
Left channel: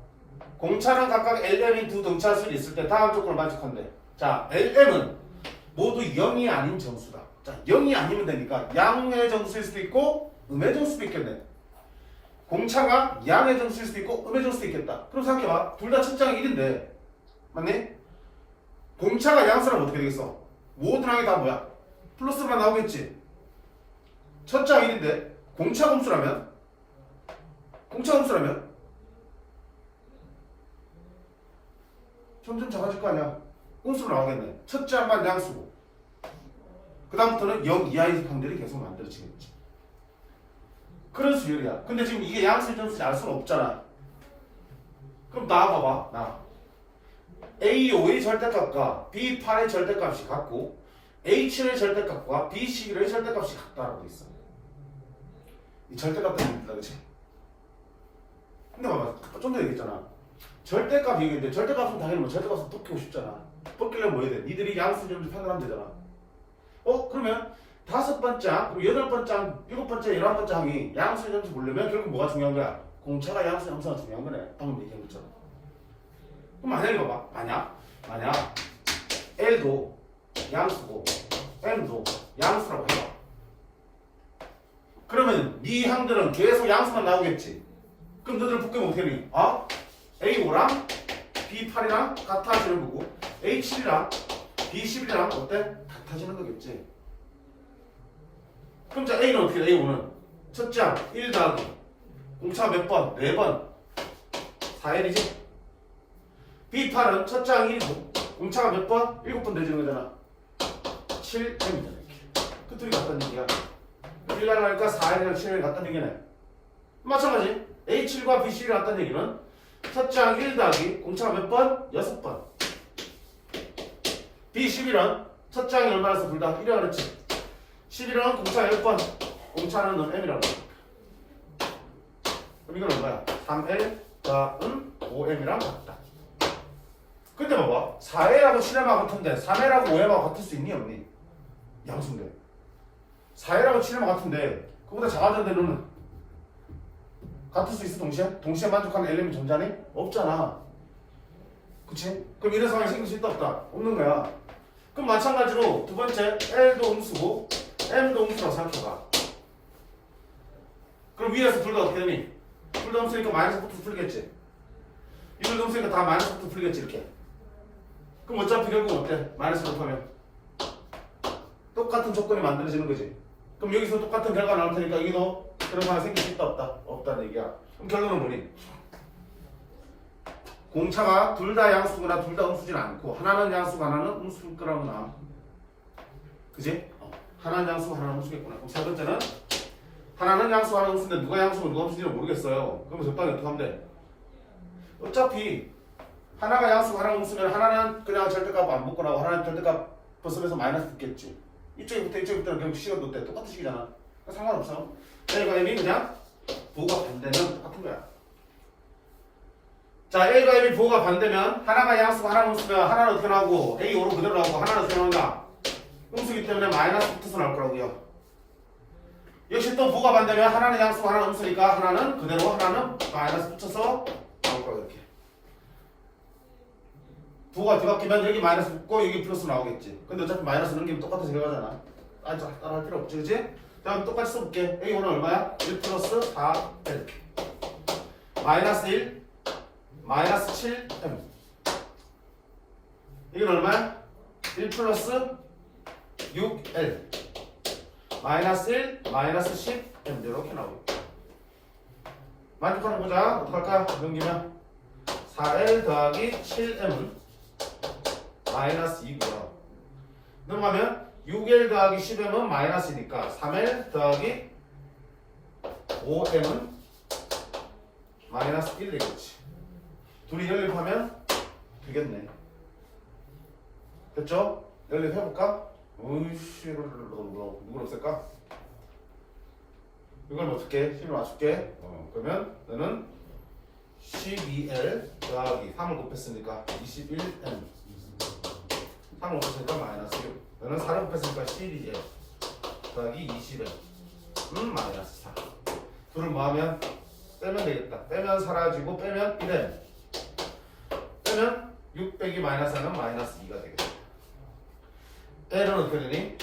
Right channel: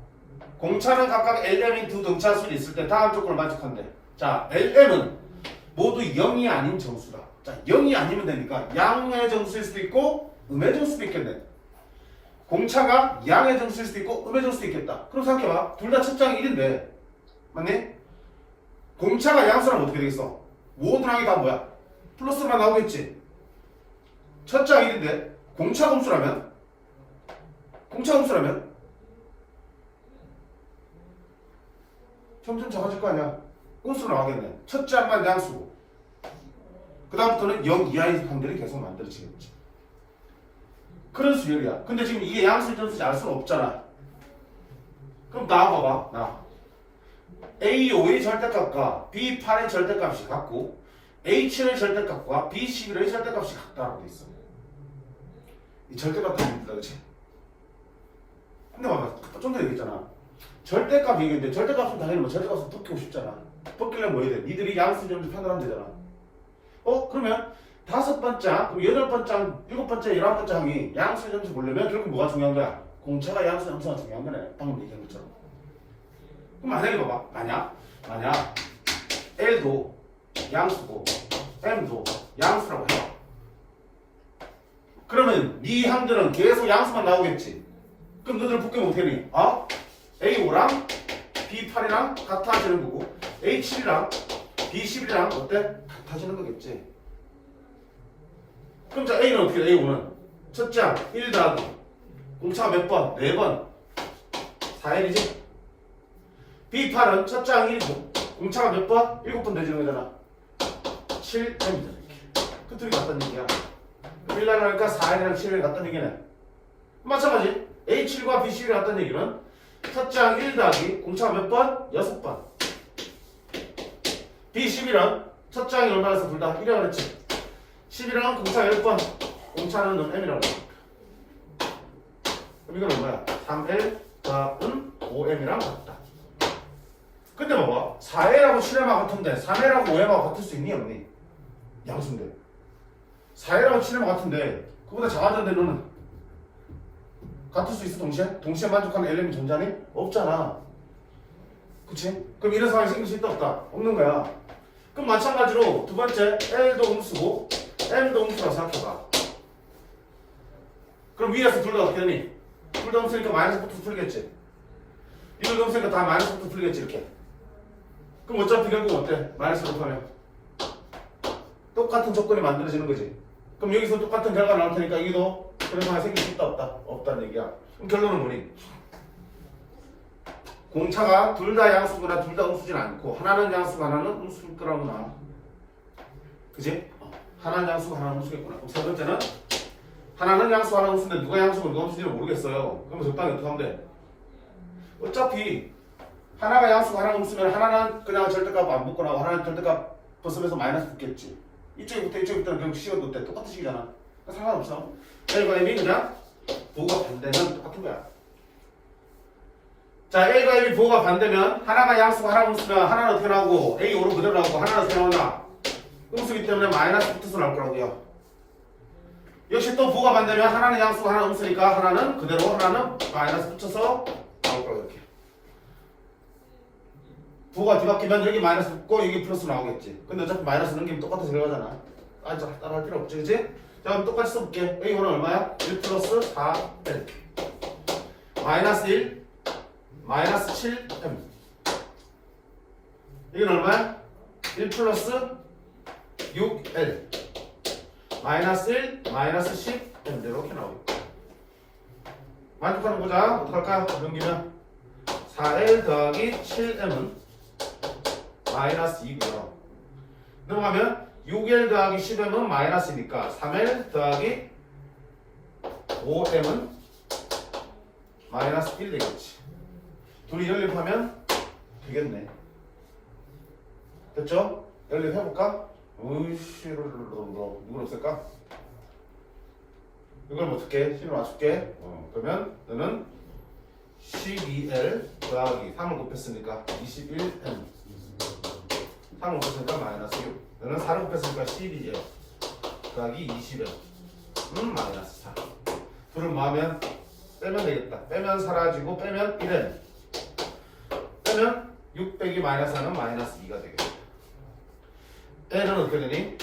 공차는 각각 LM인 두 등차 수열이 있을 때 다음 조건을 만족한대. 자, LM은 모두 0이 아닌 정수다. 자, 0이 아니면 됩니까? 양의 정수일 수도 있고 음의 정수도 있겠네. 공차가 양의 정수일 수도 있고 음의 정수도 있겠다. 그럼 생각해봐. 둘 다 첫 장이 1인데 맞니? 공차가 양수라면 어떻게 되겠어? 모든 항이 다 뭐야? 플러스만 나오겠지. 첫 장 1인데 공차 함수라면 점점 작아질 거 아니야. 꼼수로 나가겠네. 첫 장만 양수고 그 다음부터는 0 이하의 항들이 계속 만들어지겠지. 그런 수열이야. 근데 지금 이게 양수인지 점수인지 알 수는 없잖아. 그럼 나와봐봐. 나 A5의 절대값과 B8의 절대값이 같고 A7의 절대값과 B11의 절대값이 같다라고 돼 있어. 이 절대값 때문에 그렇지? 근데 봐봐. 좀 전에 얘기했잖아. 절대값 얘기했는데 절대값은 당연히 뭐 절대값은 벗기고 싶잖아. 벗기려면 뭐 해야 돼? 니들이 양수 점수 편들하면 되잖아. 그러면 5번째 항, 그리고 8번째 항, 7번째, 11번째 항이 양수 점수 보려면 결국 뭐가 중요한 거야? 공차가 양수 점수가 중요한 거네. 방금 얘기한 것처럼. 그럼 만약에 봐봐. 만약 L도 양수고 M도 양수라고 해봐. 그러면 네 항들은 계속 양수만 나오겠지. 그럼 너희들 복귀 못해니? A5랑 B8이랑 같아지는 거고 A7이랑 B11이랑 어때? 같아지는 거겠지. 그럼 자 A는 어떻게 돼? A5는 첫째 항 1 더하기 공차가 몇 번? 4번 4L이지. B8은 첫째 항 1이고 공차가 몇 번? 7번 되지는 거잖아. 7M이잖아. 이렇게 그 둘이 같다는 얘기야. 1 나누니까 4L이랑 7L 같다는 얘기네. 마찬가지 A7과 B11이 같다는 얘기는 첫째 항 1 더하기 공차가 몇 번? 6번. B11은 첫째 항이 얼마나서 둘 다 1이라고 그랬지. 11은 공차가 몇 번? 공차는 넌 m이라고 해. 그럼 이건 얼마야? 3l 더하기 5m이랑 같다. 근데 봐봐. 4L하고 7M하고 같은데 3L하고 5M하고 같을 수 있니 없니? 양수인데 4L하고 7M하고 같은데 그보다 작아졌는데 너는 같을 수 있어 동시에? 동시에 만족하는 엘리멘트 존재하니? 없잖아. 그치? 그럼 이런 상황이 생길 수 있다 없다? 없는 거야. 그럼 마찬가지로 두 번째 L도 음수고 M도 음수라고 생각해봐. 그럼 위에서 둘 다 어떻게 되니? 둘 다 음수니까 마이너스부터 풀리겠지. 이걸 음수니까 다 마이너스부터 풀리겠지 이렇게. 그럼 어차피 결국 어때? 마이너스 곱하면 똑같은 조건이 만들어지는 거지. 그럼 여기서 똑같은 결과 나올 테니까 여기도 그런 상황이 생길 수 있다 없다? 없다는 얘기야. 그럼 결론은 뭐니? 공차가 둘 다 양수거나 둘 다 음수진 않고 하나는 양수고 하나는 음수일 거라구나. 그지? 하나는 양수고 하나는 음수겠구나. 그럼 세 번째는 하나는 양수 하나는 음수인데 누가 양수고 누가 음수인지 모르겠어요. 그럼 적당히 어떻게 하면 돼? 어차피 하나가 양수고 하나가 음수면 하나는 그냥 절대값 안 붙고 나고 하나는 절대값 벗으면서 마이너스 붙겠지. 이쪽부터 이쪽부터는 결국 식은 것 때 똑같은 식이잖아. 상관없어. L과 M이 그냥 부호가 반대면 똑같은 거야. 자, L과 M이 부호가 반대면 하나가 양수고 하나가 음수면 하나는 어떻게 나오고 A 5로 그대로 나오고 하나는 어떻게 나온다? 음수기 때문에 마이너스 붙어서 나올 거라고요. 역시 또 부호가 반대면 하나는 양수고 하나는 음수니까 하나는 그대로 하나는 마이너스 붙여서 나올 거라고 이렇게. 부호가 뒤바뀌면 여기 마이너스 붙고 여기 플러스 나오겠지. 근데 어차피 마이너스 넘기면 똑같아서 들어가잖아. 따라 할 필요 없지, 그치? 자, 그럼 똑같이 써볼게. A5는 얼마야? 1 플러스 4L 마이너스 1 마이너스 7M 이건 얼마야? 1 플러스 6L 마이너스 1 마이너스 10M 이렇게 나오겠다. 만족하는 보자. 어떡할까? 넘기면 4L 더하기 7M은 마이너스 2고요. 넘어가면 6L 더하기 10M은 마이너스니까 3L 더하기 5M은 마이너스 1 되겠지. 둘이 연립하면 되겠네. 됐죠? 연립해볼까? 으이씨, 누굴 없을까? 이걸 어떻게? 신을 맞출게. 그러면 너는 12L 더하기 3을 곱했으니까 21M 3을 곱했으니까 마이너스 6. 너는 4를 곱했으니까 12L 더하기 20M 마이너스 4. 둘을 뭐하면? 빼면 되겠다. 빼면 사라지고 빼면 1M 빼면 6 빼기 마이너스 하면 마이너스 2가 되겠다. L은 어떻게 되니?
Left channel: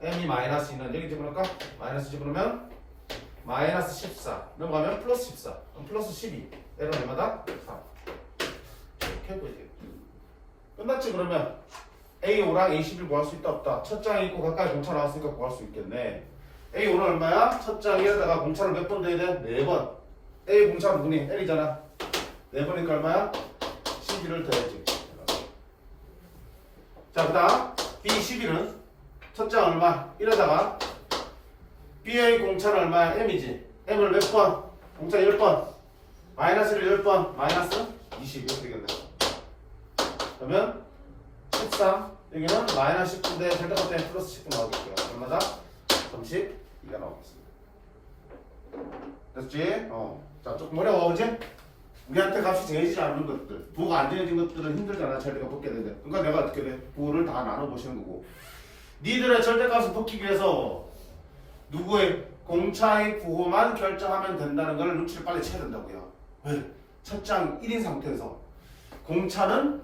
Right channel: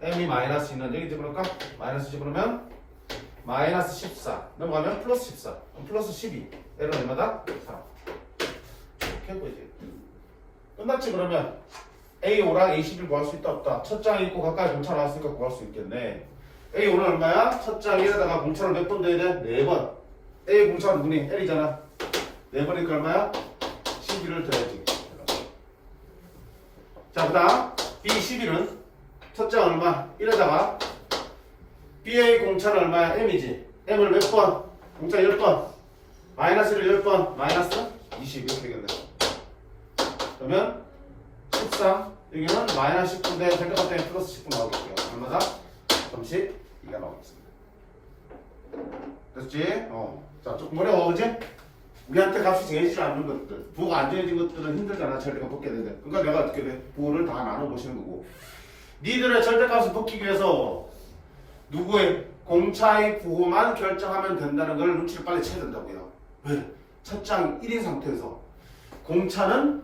M이 마이너스 2는 여기 집어넣을까? 마이너스 집어넣으면 마이너스 14 넘어가면 플러스 14 그럼 플러스 12 L은 얼마다? 4 이렇게 보이지. 끝났지. 그러면 A5랑 A11 구할 수 있다 없다? 첫 장에 있고 가까이 공차 나왔으니까 구할 수 있겠네. A5는 얼마야? 첫 장에다가 공차를 몇 번 넣어야 돼? 4번. A 공차가 누구니? L이잖아. 4번이니까 얼마야? 11을 더해야지. 자, 그 다음 B11은 첫 장 얼마? 1에다가 BA 공차는 얼마야? M이지. M을 몇 번? 공차 10번. 마이너스를 10번. 마이너스 20 이렇게 되겠네. 그러면 13 여기는 마이너스 19인데 절대값 때문에 플러스 19 나오겠고요. 얼마다? 32가 나오겠습니다. 됐지? 자, 조금 어려워, 그지? 우리한테 값이 정해지지 않는 것들, 부호가 안 정해진 것들은 힘들잖아. 절대값 벗게 되는데. 그러니까 내가 어떻게 돼? 부호를 다 나눠보시는 거고. 니들의 절대값을 벗기기 위해서 누구의 공차의 부호만 결정하면 된다는 걸 눈치를 빨리 채야 된다고요. 왜? 첫 장 1인 상태에서 공차는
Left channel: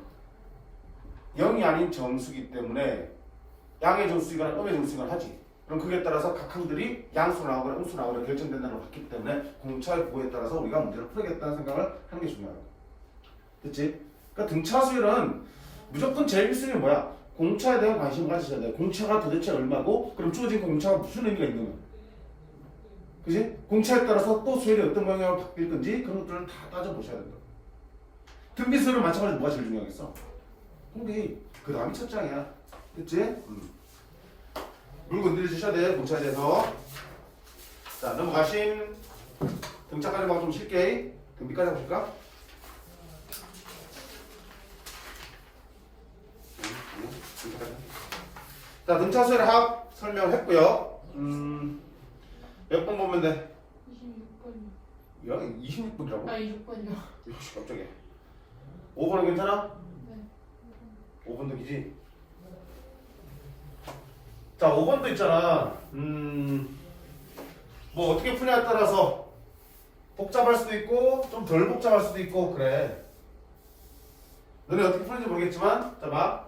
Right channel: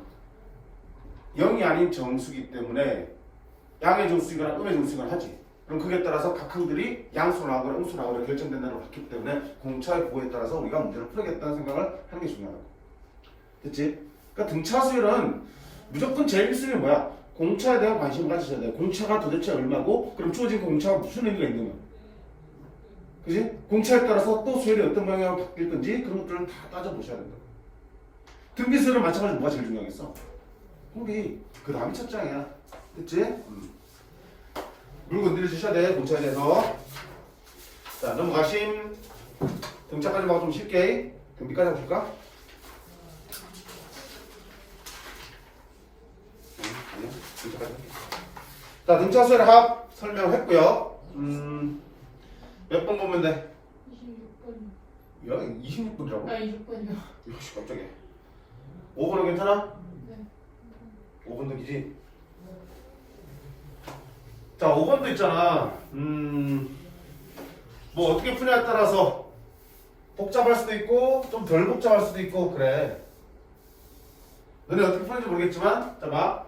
0이 아닌 정수기 때문에 양의 정수이거나 음의 정수이거나 하지. 그럼 그에 따라서 각 항들이 양수로 나오거나 음수로 나오거나 결정된다는 걸 봤기 때문에 공차의 부호에 따라서 우리가 문제를 풀어야겠다는 생각을 하는 게 중요하다. 됐지? 그러니까 등차수열은 무조건 제일 1순위는 뭐야? 공차에 대한 관심을 가지셔야 돼. 공차가 도대체 얼마고 그럼 주어진 공차가 무슨 의미가 있는 거야? 그지? 공차에 따라서 또 수열이 어떤 방향으로 바뀔 건지 그런 것들을 다 따져보셔야 된다. 등비수열은 마찬가지로 뭐가 제일 중요하겠어? 공비. 그 다음이 첫 장이야. 됐지? 물 건드려 주셔야 돼. 공차에 대해서. 자, 넘어가심. 등차까지 막 좀 쉽게. 등비까지 해볼까? 자, 등차수열 합 설명했고요. 몇 번 보면 돼? 26번이요. 야 26분이라고? 아 26번이요. 역시 깜짝이야. 5번은 괜찮아? 네. 5번도 기지? 자 5번도 있잖아. 뭐 어떻게 푸냐에 따라서 복잡할 수도 있고 좀 덜 복잡할 수도 있고 그래. 너네 어떻게 푸는지 모르겠지만 자 봐.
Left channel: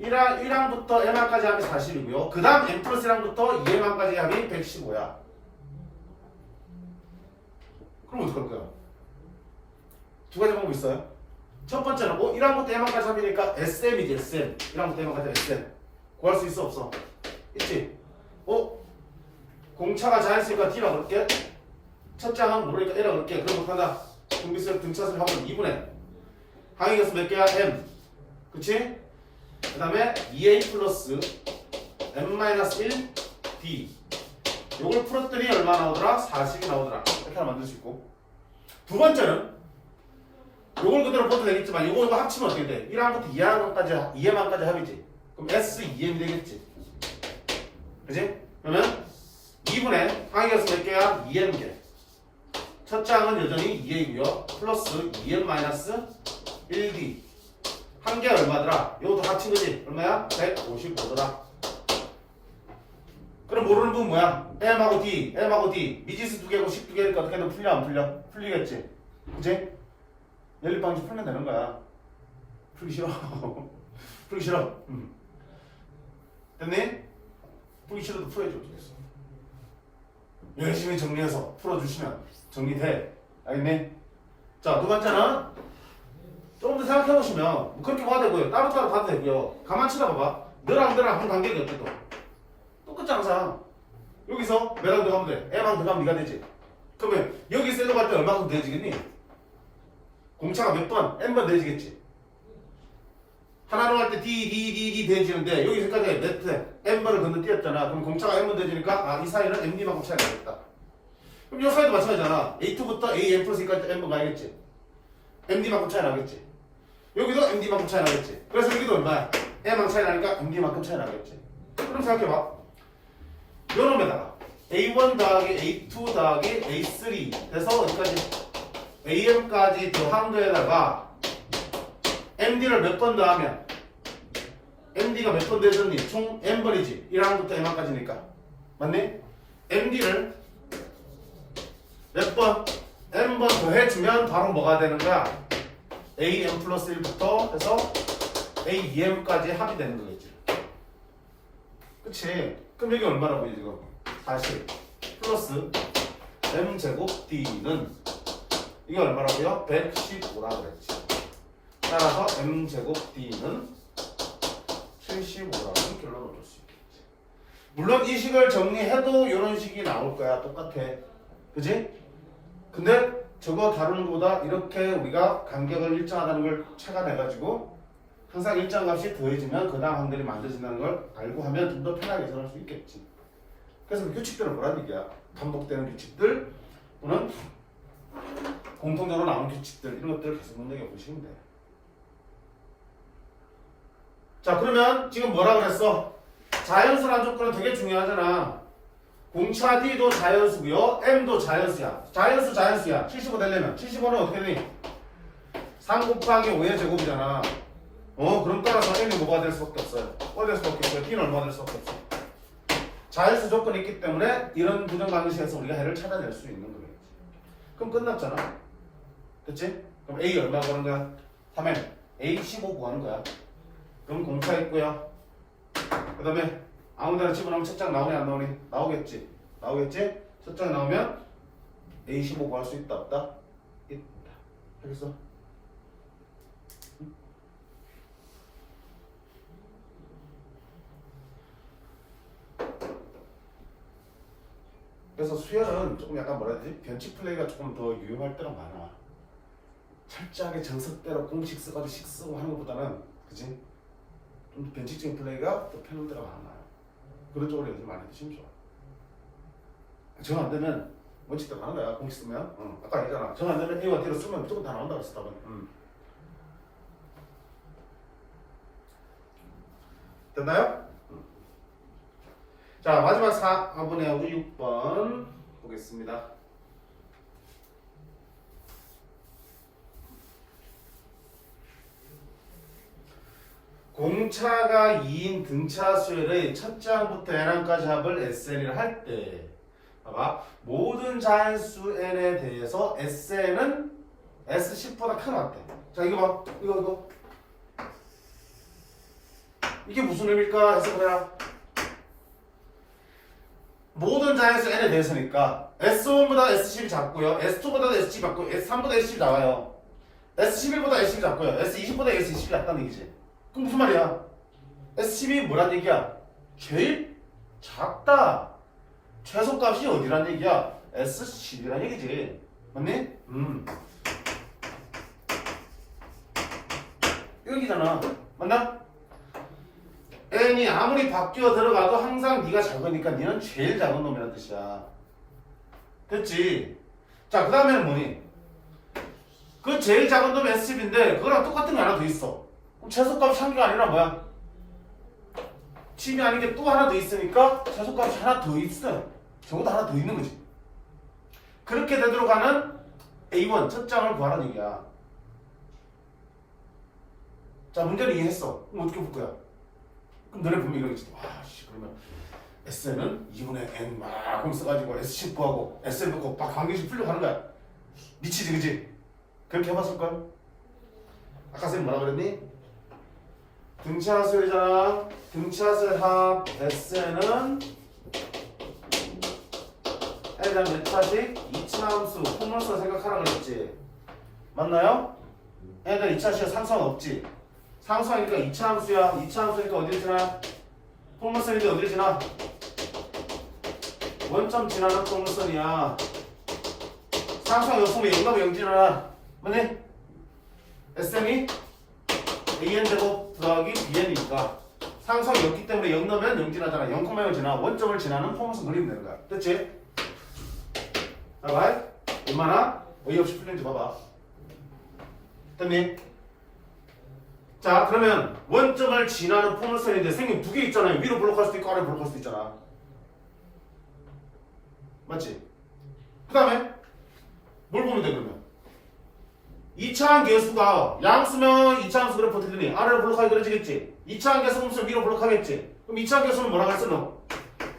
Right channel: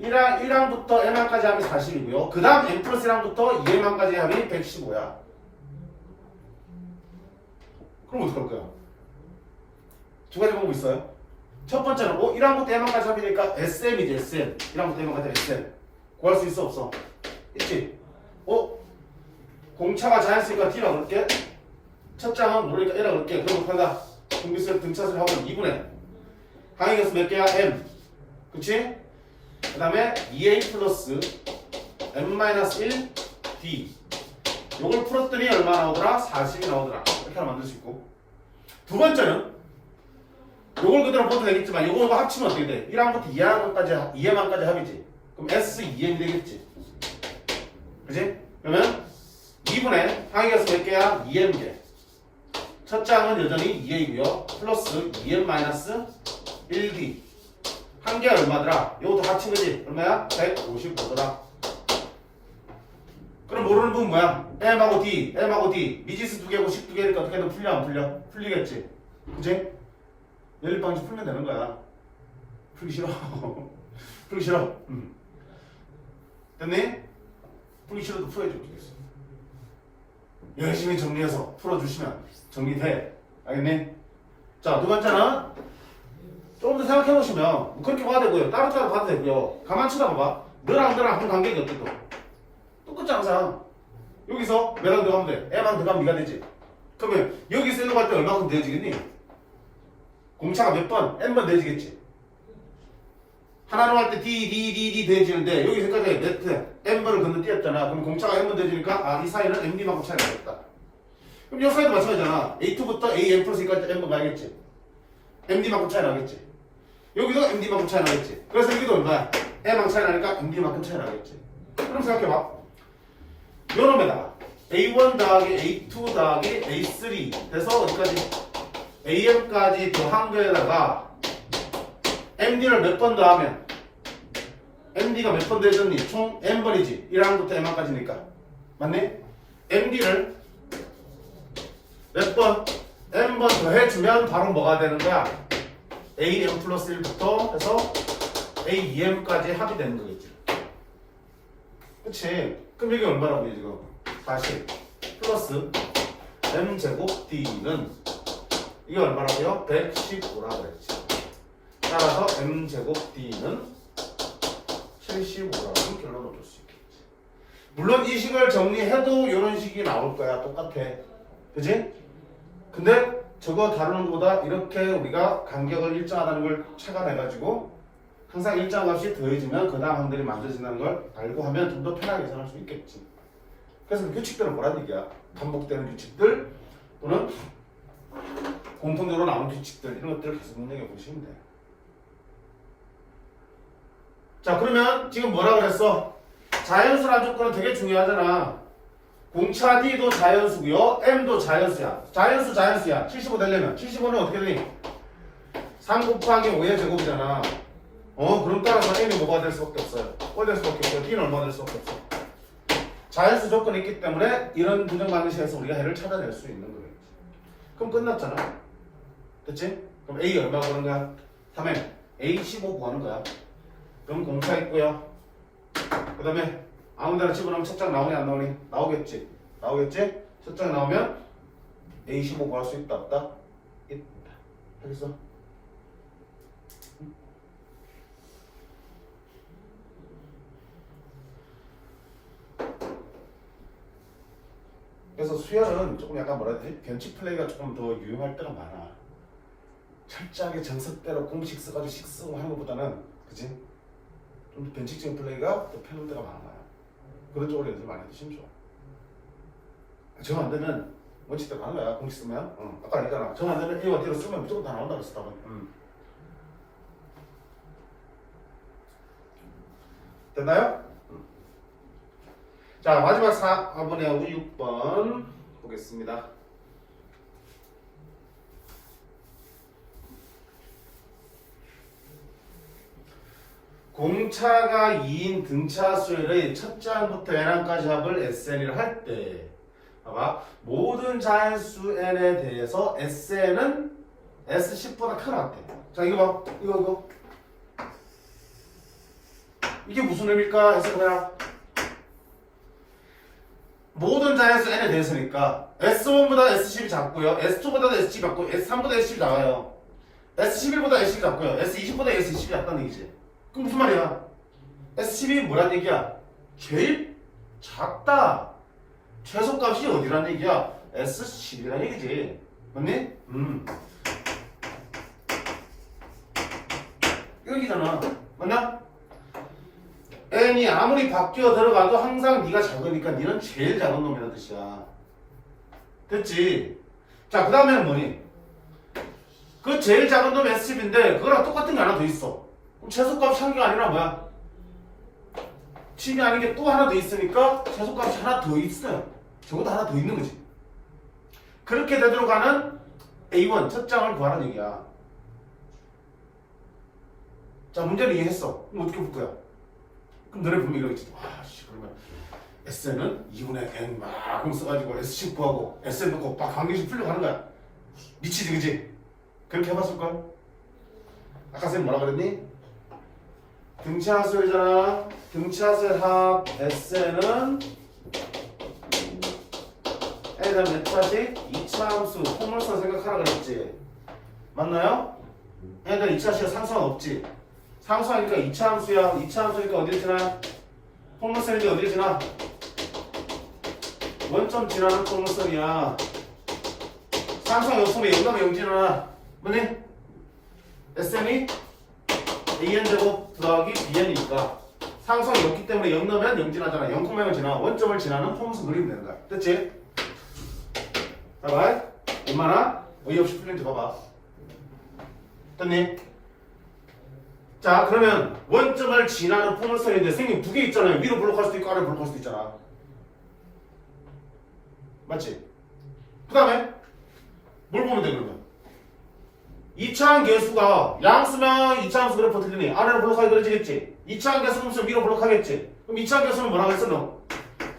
1항부터 m항까지 합이 40이고요. 그 다음 m 플러스 1항부터 2m항까지 합이 115야. 그럼 어떡할 거야? 두 가지 방법 있어요. 첫 번째는 1항부터 m항까지 합이니까 SM이지 SM. 1항부터 m항까지 SM. 구할 수 있어 없어? 있지? 공차가 자연수니까 D라 그럴게. 첫 장은 모르니까 A라 그럴게. 그럼 못한다. 등비수의 등차수를 하고 2분의 항의 몇 개야? M. 그치? 그 다음에 2A 플러스 M-1 D. 요걸 풀었더니 얼마 나오더라? 40이 나오더라. 이렇게 하나 만들 수 있고. 두 번째는 요걸 그대로 써도 되겠지만 요거 합치면 어떻게 돼? 1항부터 2항까지 합이지. 그럼 S2M 되겠지. 그치? 그러면 2분의 항의 개수 몇 개야? 2M개. 첫 장은 여전히 2A고요. 플러스 2M-1D. 한 개 얼마더라? 이것도 합친 거지? 얼마야? 155더라. 그럼 모르는 부분 뭐야? M하고 D, M하고 D. 미지수 2개고 12개니까 어떻게든 풀려 안 풀려? 풀리겠지? 그치? 연립방식 풀면 되는 거야. 풀기 싫어. 풀기 싫어. 됐니? 풀기 싫어도 풀어야지 어쩌겠어. 열심히 정리해서 풀어주시면 정리돼. 알겠니? 자, 두 번째는 조금 더 생각해보시면 뭐 그렇게 봐도 되고요. 따로따로 봐도 되고요. 가만 쳐다봐봐. 너랑 한 관계가 어때 또? 똑같지 항상. 여기서 몇항 들어가면 돼? M항 들어가면 네가 되지. 그러면 여기 셀로 갈 때 얼마큼 되어지겠니? 공차가 몇 번? N번 되어지겠지. 하나로 할 때 D 되어지는데 여기 생각해 몇 N번을 건너뛰었잖아. 그럼 공차가 N번 되어지니까 이 사이는 MD만큼 차이가 나겠다. 그럼 이 사이도 마찬가지잖아. A2부터 AN 플러스 E까지 N번 가야겠지. MD만큼 차이 나겠지. 여기도 MD만큼 차이 나겠지. 그래서 여기도 얼마야? M만큼 차이 나니까 MD만큼 차이 나겠지. 그럼 생각해봐. 요놈에다가 A1 더하기 A2 더하기 A3 돼서 어디까지? AM까지 더한 거에다가 MD를 몇 번 더하면 MD가 몇 번 되졌니? 총 N번이지. 1항부터 M항까지니까. 맞네? MD를 몇 번? N번 더해주면 바로 뭐가 되는 거야? AM 플러스 1부터 해서 AEM까지 합이 되는 거겠지. 그치? 그럼 여기 얼마라고 해 지금? 40 플러스 M제곱 D는 이게 얼마라고요? 115라고 그랬지. 따라서 M제곱 D는 75라고 결론을 줄 수 있겠지. 물론 이 식을 정리해도 이런 식이 나올 거야. 똑같아. 그지? 근데 저거 다루는 것보다 이렇게 우리가 간격을 일정하다는 걸 착안해가지고 항상 일정한 값이 더해지면 그 다음 항들이 만들어진다는 걸 알고 하면 좀 더 편하게 계산할 수 있겠지. 그래서 그 규칙들은 뭐라는 얘기야? 반복되는 규칙들 또는 공통적으로 나오는 규칙들 이런 것들을 계속 눈여겨보시면 돼요. 자 그러면 지금 뭐라 그랬어? 자연수라는 조건은 되게 중요하잖아. 공차 D도 자연수고요. M도 자연수야. 자연수야. 75 되려면 75는 어떻게 되니? 3 곱하기 5의 제곱이잖아. 그럼 따라서 N이 뭐가 될 수밖에 없어요. 뭐가 될 수밖에 없어요. D는 얼마가 될 수밖에 없어. 자연수 조건이 있기 때문에 이런 부정 방식에서 우리가 해를 찾아낼 수 있는 거예요. 그럼 끝났잖아. 그치? 그럼 A 얼마 구하는 거야? 3M. A 15 구하는 거야. 그럼 공차 있고요. 그 다음에 아무 데나 집어넣으면 첫 장 나오니 안 나오니? 나오겠지. 첫 장 나오면 A15 구할 수 있다 없다? 있다. 알겠어? 그래서 수열은 조금 약간 뭐라 해야 되지? 변칙 플레이가 조금 더 유용할 때가 많아. 철저하게 정석대로 공식 써가지고 식 쓰고 하는 것보다는 그치? 좀 변칙적인 플레이가 더 편할 때가 많아. 그런 쪽으로 연습 많이 해주시면 좋아. 정 안 되면 원칙대로 하는 거야. 공식 쓰면. 아까 얘기했잖아. 정 안 되면 A와 D로 쓰면 무조건 다 나온다 그랬어. 답은. 됐나요? 자 마지막 4번에 우리 6번 보겠습니다. 공차가 2인 등차 수열의 첫째 항부터 n항까지 합을 SN이라 할 때 봐봐 모든 자연수 n에 대해서 SN은 S10보다 크다. 자 이거 봐 이거 이게 무슨 의미일까 해석해야 모든 자연수 n에 대해서니까 S1보다 S10이 작고요 S2보다 S10이 작고 S3보다 S10이 나와요 S11보다 S10이 작고요 S20보다 S20이 작다는 얘기지. 그럼 무슨 말이야? S10이 뭐란 얘기야? 제일 작다. 최소값이 어디란 얘기야? S10이란 얘기지. 맞니? 여기잖아. 맞나? n이 아무리 바뀌어 들어가도 항상 네가 작으니까 네는 제일 작은 놈이라는 뜻이야. 됐지? 자, 그 다음에는 뭐니? 그 제일 작은 놈이 S10인데 그거랑 똑같은 게 하나 더 있어. 그럼 최소값이 한 개가 아니라 뭐야? 10이 아닌 게 또 하나 더 있으니까 최소값이 하나 더 있어요. 저보다 하나 더 있는 거지. 그렇게 되도록 하는 A1 첫 장을 구하라는 얘기야. 자, 문제를 이해했어. 그럼 어떻게 볼 거야? 그럼 너네 분명히 이러겠지. 그러면 SN은 2분의 N 막 써가지고 S10 구하고 SN 놓고 막 관계식 풀려고 하는 거야. 미치지, 그지? 그렇게 해봤을 거야? 아까 선생님 뭐라 그랬니? 등차수열이잖아. 등차수열 합 SN은 N이란 몇 차지? 2차 함수 포물선 생각하라 그랬지. 맞나요? N은 2차 시에 상수는 없지. 상수하니까 2차 함수야. 2차 함수니까 어디를 지나? 포물선인데 어디를 지나? 원점 지나는 포물선이야. 상수가 없으면 0 0 지나나. 맞니? SM이 AN제곱 더하기 BN이니까 상수가 없기 때문에 0 넣으면 0 지나잖아. 0,0을 지나. 원점을 지나는 포물선 그리면 되는 거야. 됐지? 봐봐. 얼마나 어이없이 풀린지 봐봐. 됐니? 자, 그러면 원점을 지나는 포물선인데 선생님 두 개 있잖아요. 위로 블록할 수도 있고 아래로 블록할 수도 있잖아. 맞지? 그 다음에 뭘 보면 돼 그러면? 2차항 개수가 양수면 2차항수 그래프 틀리니 아래로 블록하기 그려지겠지? 2차항 개수 보면 위로 블록하겠지? 그럼 2차항 개수는 뭐라고 했어 너?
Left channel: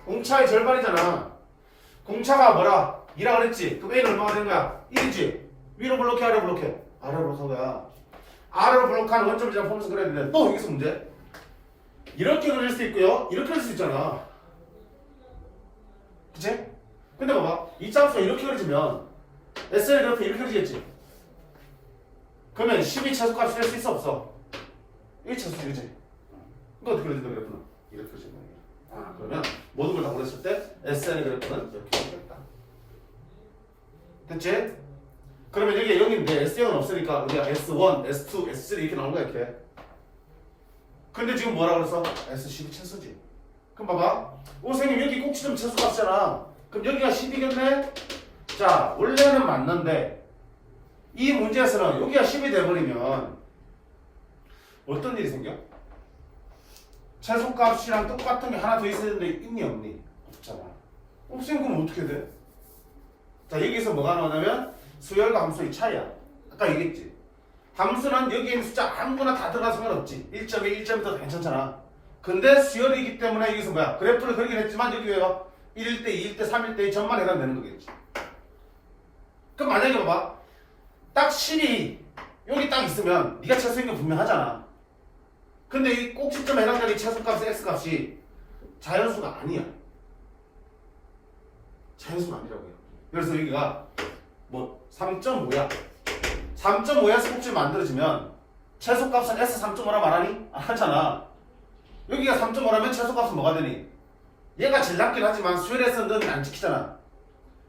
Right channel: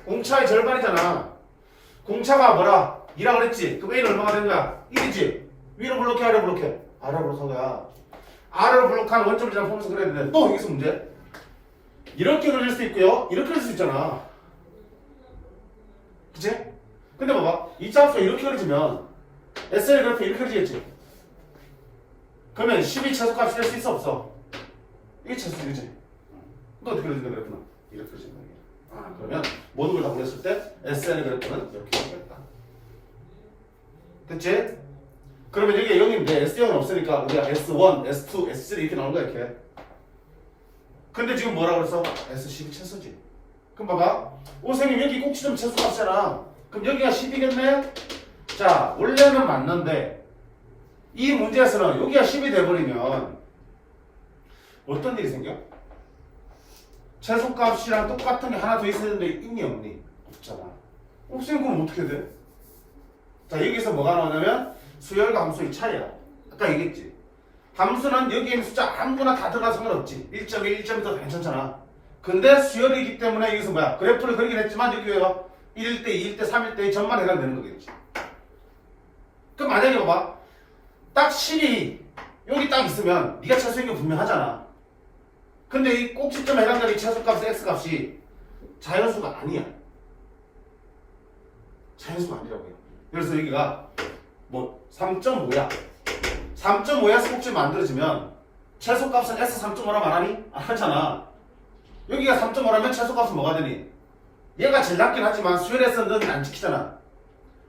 공차의 절반이잖아. 공차가 뭐라? 2라 그랬지? 그럼 A는 얼마가 되는 거야? 1이지? 위로 블록해 아래로 블록해? 아래로 블록한 거야. 아래로 블록하는 원점을 지나 포물선 그려야 되는데 또 여기서 문제? 이렇게 그릴 수 있고요 이렇게 그릴 수 있잖아. 그치? 근데 봐봐 2차 함수가 이렇게 그려지면 SL 그래프 이렇게 그려지겠지? 그러면 12 최소값이 될 수 있어 없어? 1 최소값이지? 이거 어떻게 그려진다 그래프는? 이렇게 그려진다. 그러면 모든 걸 다 고렸을 때 SN의 그래프는 이렇게 그려졌다. 됐지? 그러면 여기에 0인데 S0은 없으니까 우리가 S1, S2, S3 이렇게 나오는 거야 이렇게. 근데 지금 뭐라 그랬어? S12 최소지. 그럼 봐봐. 오 선생님 여기 꼭지점 최소값이잖아. 그럼 여기가 10이겠네? 자 원래는 맞는데 이 문제에서는 여기가 10이 돼버리면 어떤 일이 생겨? 최소값이랑 똑같은 게 하나 더 있어야 되는데 있니 없니? 없잖아. 선생님 그럼 어떻게 돼? 자 여기서 뭐가 나오냐면 수열과 함수의 차이야. 아까 얘기했지. 함수는 여기에 있는 숫자 아무거나 다 들어가 상관없지. 1.1, 1.2도 다 괜찮잖아. 근데 수열이기 때문에 여기서 뭐야? 그래프를 그리긴 했지만 여기 왜요? 1일 때, 2일 때, 3일 때의 점만 해당되는 거겠지. 그럼 만약에 봐봐. 딱 10이 여기 딱 있으면 네가 최소인 게 분명하잖아. 근데 이 꼭지점에 해당되는 최소값의 x값이 자연수가 아니야. 자연수가 아니라고요. 그래서 여기가 뭐 3.5야. 3.5에서 꼭지 만들어지면 최소값은 S3.5라 말하니? 안 하잖아. 여기가 3.5라면 최소값은 뭐가 되니? 얘가 제일 낮긴 하지만 수열에서 너는 안 지키잖아.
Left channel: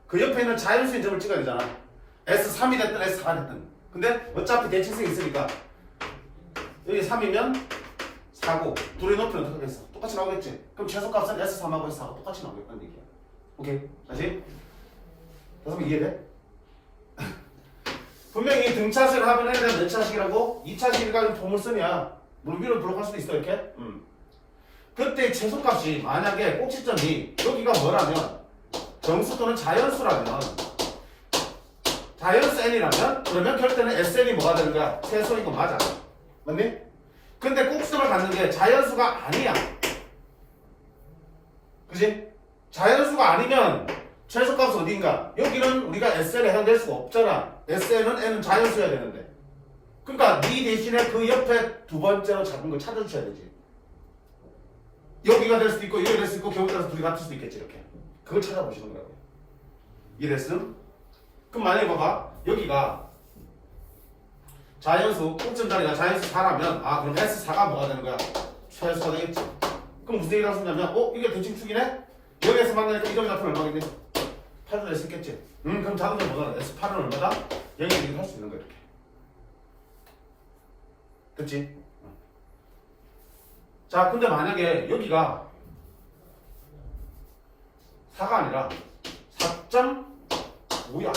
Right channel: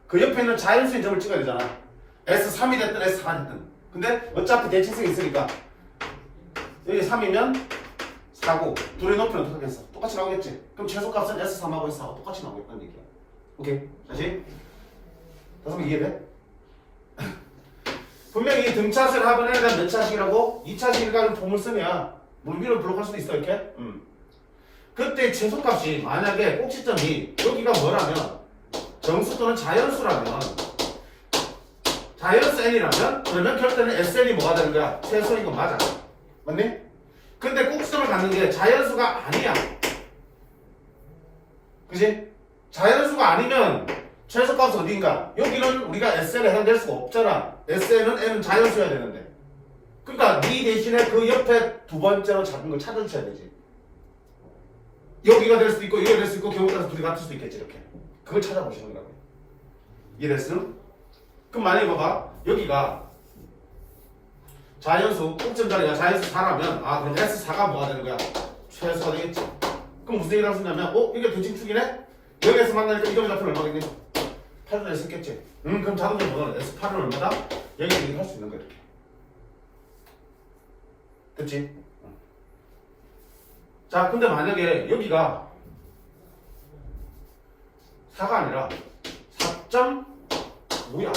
그 옆에 있는 자연수인 점을 찍어야 되잖아. S3이 됐든 S4가 됐든. 근데 어차피 대칭성이 있으니까 여기 3이면 4고 둘의 높이는 어떻게 하겠어? 똑같이 나오겠지? 그럼 최소값은 S3하고 S4가 똑같이 나오겠다는 얘기야. 오케이? 다시? 다시 이해돼? 분명히 등차수를 합을 해야 되는 몇 차식이라고? 2차식이라는 포물선이야. 물 위로 블록할 수도 있어 이렇게? 그때 최소값이 만약에 꼭지점이 여기가 뭐라면 정수 또는 자연수라면 자연수 n이라면 그러면 결대는 SN이 뭐가 되는 거야? 최소인 거 맞아. 맞니? 근데 꼭지점을 갖는 게 자연수가 아니야. 그지? 자연수가 아니면 최소값은 어딘가? 여기는 우리가 SN에 해당될 수가 없잖아. SN은 n은 자연수여야 되는데. 그러니까 네 대신에 그 옆에 두 번째로 잡은 걸 찾아주셔야 되지. 여기가 될 수도 있고 여기가 될 수도 있고 경우에 따라서 둘이 같을 수도 있겠지. 이렇게 그걸 찾아보시는 거라고. 이해됐음? 그럼 만약에 봐봐 여기가 자연수 꼭지점 자리가 자연수 4라면 아 그럼 S4가 뭐가 되는 거야? 최소가 되겠지. 그럼 무슨 얘기를 할 수 있냐면 이게 대칭축이네? 여기에서 만나니까 이 점의 좌표는 얼마겠니? 8도 낼 수 있겠지. 그럼 자동적으로 뭐가 돼? S8은 얼마다? 여기서 얘기를 할 수 있는 거야 이렇게. 그치? 자 근데 만약에 여기가 4가 아니라 4.5야.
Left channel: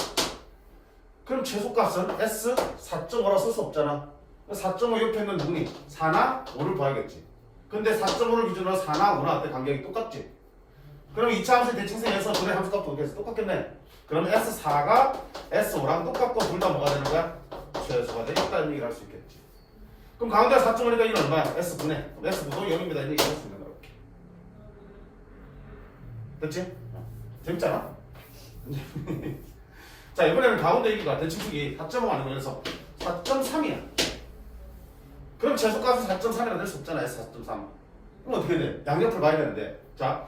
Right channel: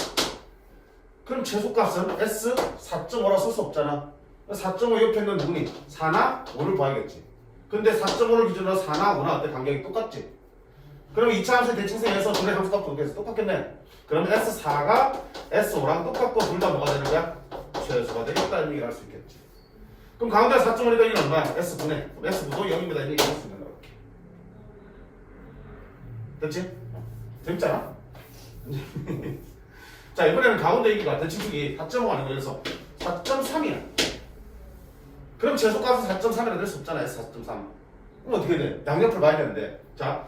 그럼 최소값은 S 4.5라 쓸 수 없잖아. 4.5 옆에 있는 누구니? 4나 5를 봐야겠지. 근데 4.5를 기준으로 4나 5나 어때? 간격이 똑같지? 그럼 2차 함수의 대칭성에서 둘의 함수값도 어떻게 해서 똑같겠네? 그러면 S4가 S5랑 똑같고 둘 다 뭐가 되는 거야? 최소가 되겠다는 얘기를 할 수 있겠지. 그럼 가운데 4.5니까 이는 얼마야? S분의 S분도 0입니다. 이렇게 얘기할 수 있는 거야. 됐지? 재밌잖아? 자 이번에는 가운데 얘기가 대칭축이 4.5 아닌 거여서 4.3이야. 그럼 최소값은 4.3이라 될 수 없잖아. S4.3. 그럼 어떻게 돼? 양옆을 봐야 되는데 자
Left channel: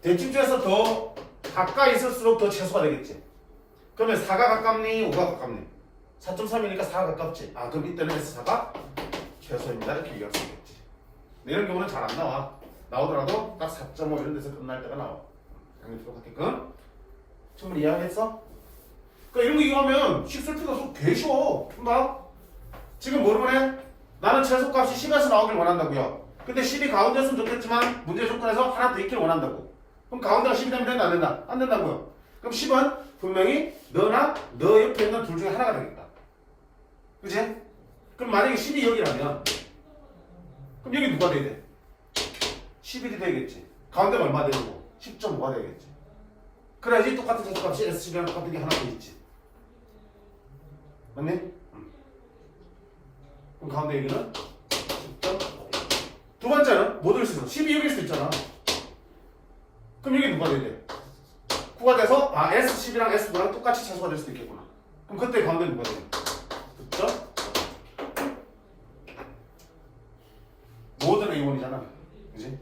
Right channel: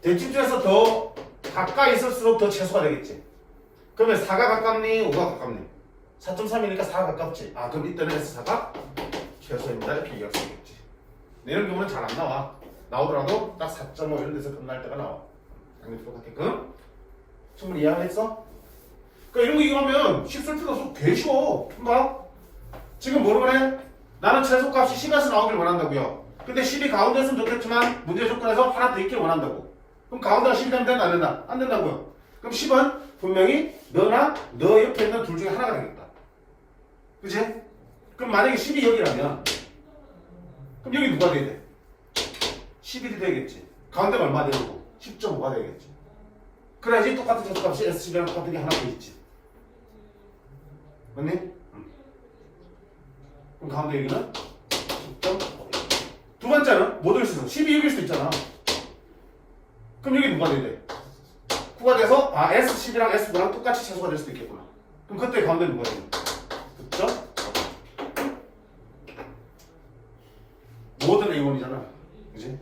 대칭축에서 더 가까이 있을수록 더 최소가 되겠지. 그러면 4가 가깝니? 5가 가깝니? 4.3이니까 4가 가깝지. 아 그럼 이때는 S4가 최소입니다. 이렇게 얘기할 수 있겠지. 이런 경우는 잘 안 나와. 나오더라도 딱 4.5 이런 데서 끝날 때가 나와. 양옆으로 같게끔. 충분히 이해하겠어? 그러니까 이런 거 이용하면 실수할 필요 없어. 개 쉬워. 봐. 지금 뭐를 해? 나는 최소값이 10에서 나오길 원한다고요. 근데 10이 가운데 있으면 좋겠지만 문제 조건에서 하나 더 있길 원한다고. 그럼 가운데가 10이 되면 된다 안 된다? 안 된다고요. 그럼 10은 분명히 너나 너 옆에 있는 둘 중에 하나가 되겠다. 그치? 그럼 만약에 10이 여기라면 그럼 여기 누가 돼야 돼? 11이 되겠지. 가운데가 얼마 되고 10.5가 되겠지. 그래야지 똑같은 최소값이 S10이랑 똑같은 게 하나 더 있지. 맞니? 그럼 가운데 여기는 10.5. 두 번째는 뭐 될 수 있어? 10이 여기일 수 있잖아. 그럼 여기 누가 돼야 돼? 9가 돼서 S10이랑 S9랑 똑같이 최소가 될 수도 있겠구나. 그럼 그때 가운데 누가 돼야 돼? 그쵸? 모든 A1이잖아. 그지?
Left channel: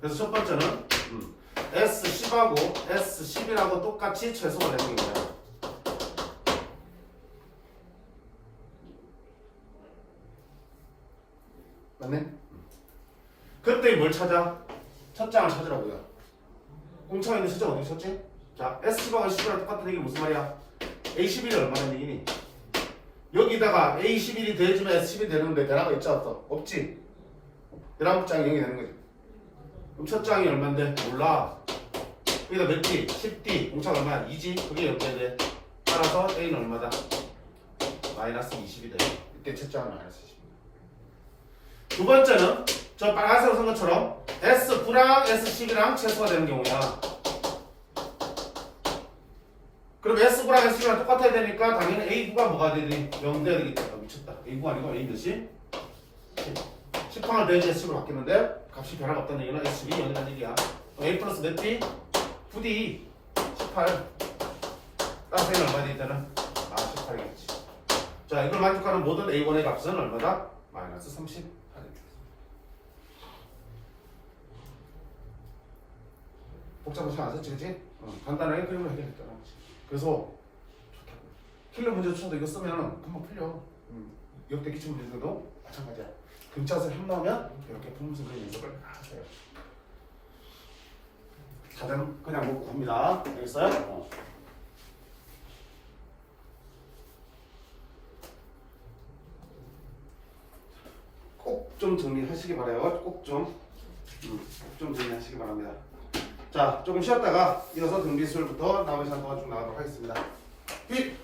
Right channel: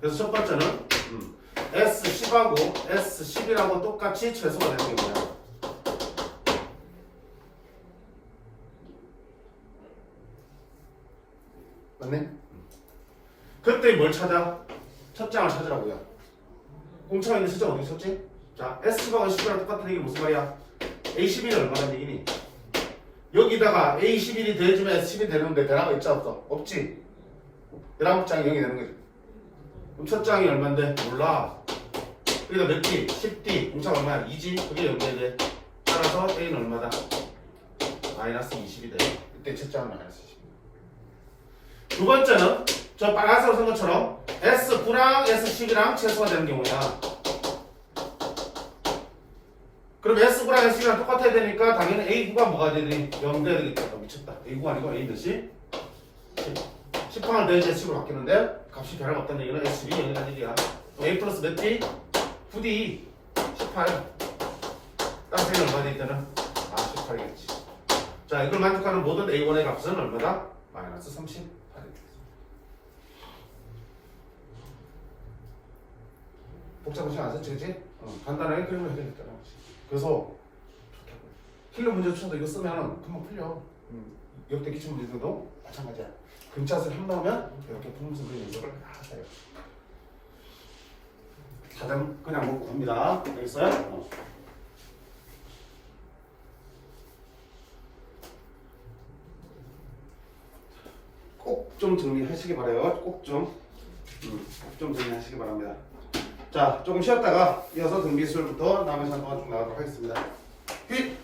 그래서 첫 번째는 S10하고 S11하고 똑같이 최소가 되는 거예요. 맞네? 그때 뭘 찾아? 첫 장을 찾으라고요. 공차가 있는 숫자가 어떻게 쳤지? 자, S10하고 S11랑 똑같은 얘기 무슨 말이야? A11이 얼마나 얘기니? 여기다가 A11이 더해주면 S10이 되는데 대라가 있지 없어? 없지? 대라국 장이 0이 되는 거지. 그럼 첫 장이 얼마인데? 몰라. 여기다 몇 D? 10D. 공차가 얼마야? 2G? 그게 0이 돼. 따라서 A는 얼마다? 마이너스 20이 돼. 이때 첫 장은 마이너스 20. 두 번째는 저 빨간색으로 쓴 것처럼 S9랑 S10이랑 최소가 되는 경우야. 그럼 S9랑 S10이랑 똑같아야 되니까 당연히 A9가 뭐가 되니? 0 돼야 되겠다. 미쳤다. A9가 아니고 A 몇이? 10항을 내야지 S10으로 바뀌는데 값이 변화가 없다는 얘기는 S10이 0이라는 얘기야. A 플러스 몇 D? 9D 18. 따라서 A는 얼마 돼 있다는? 18이겠지. 자 이걸 만족하는 모든 A1의 값은 얼마다? 마이너스 38. 복잡한 시간 안 썼지, 그치? 간단하게 그림을 해야겠다. 그래서 킬러 문제 추천도 이거 쓰면 금방 풀려. 역대 기출 문제들도 마찬가지야. 근처에서 한 나오면 이렇게 풀면서 그림 연습을 하세요. 다들 그냥 먹고 갑니다. 알겠어요? 꼭 좀 정리하시기 바라요. 꼭 좀 정리하시기 바랍니다. 자, 조금 쉬었다가 이어서 등비술부터 남은 시간 동안 좀 나가도록 하겠습니다. 휙!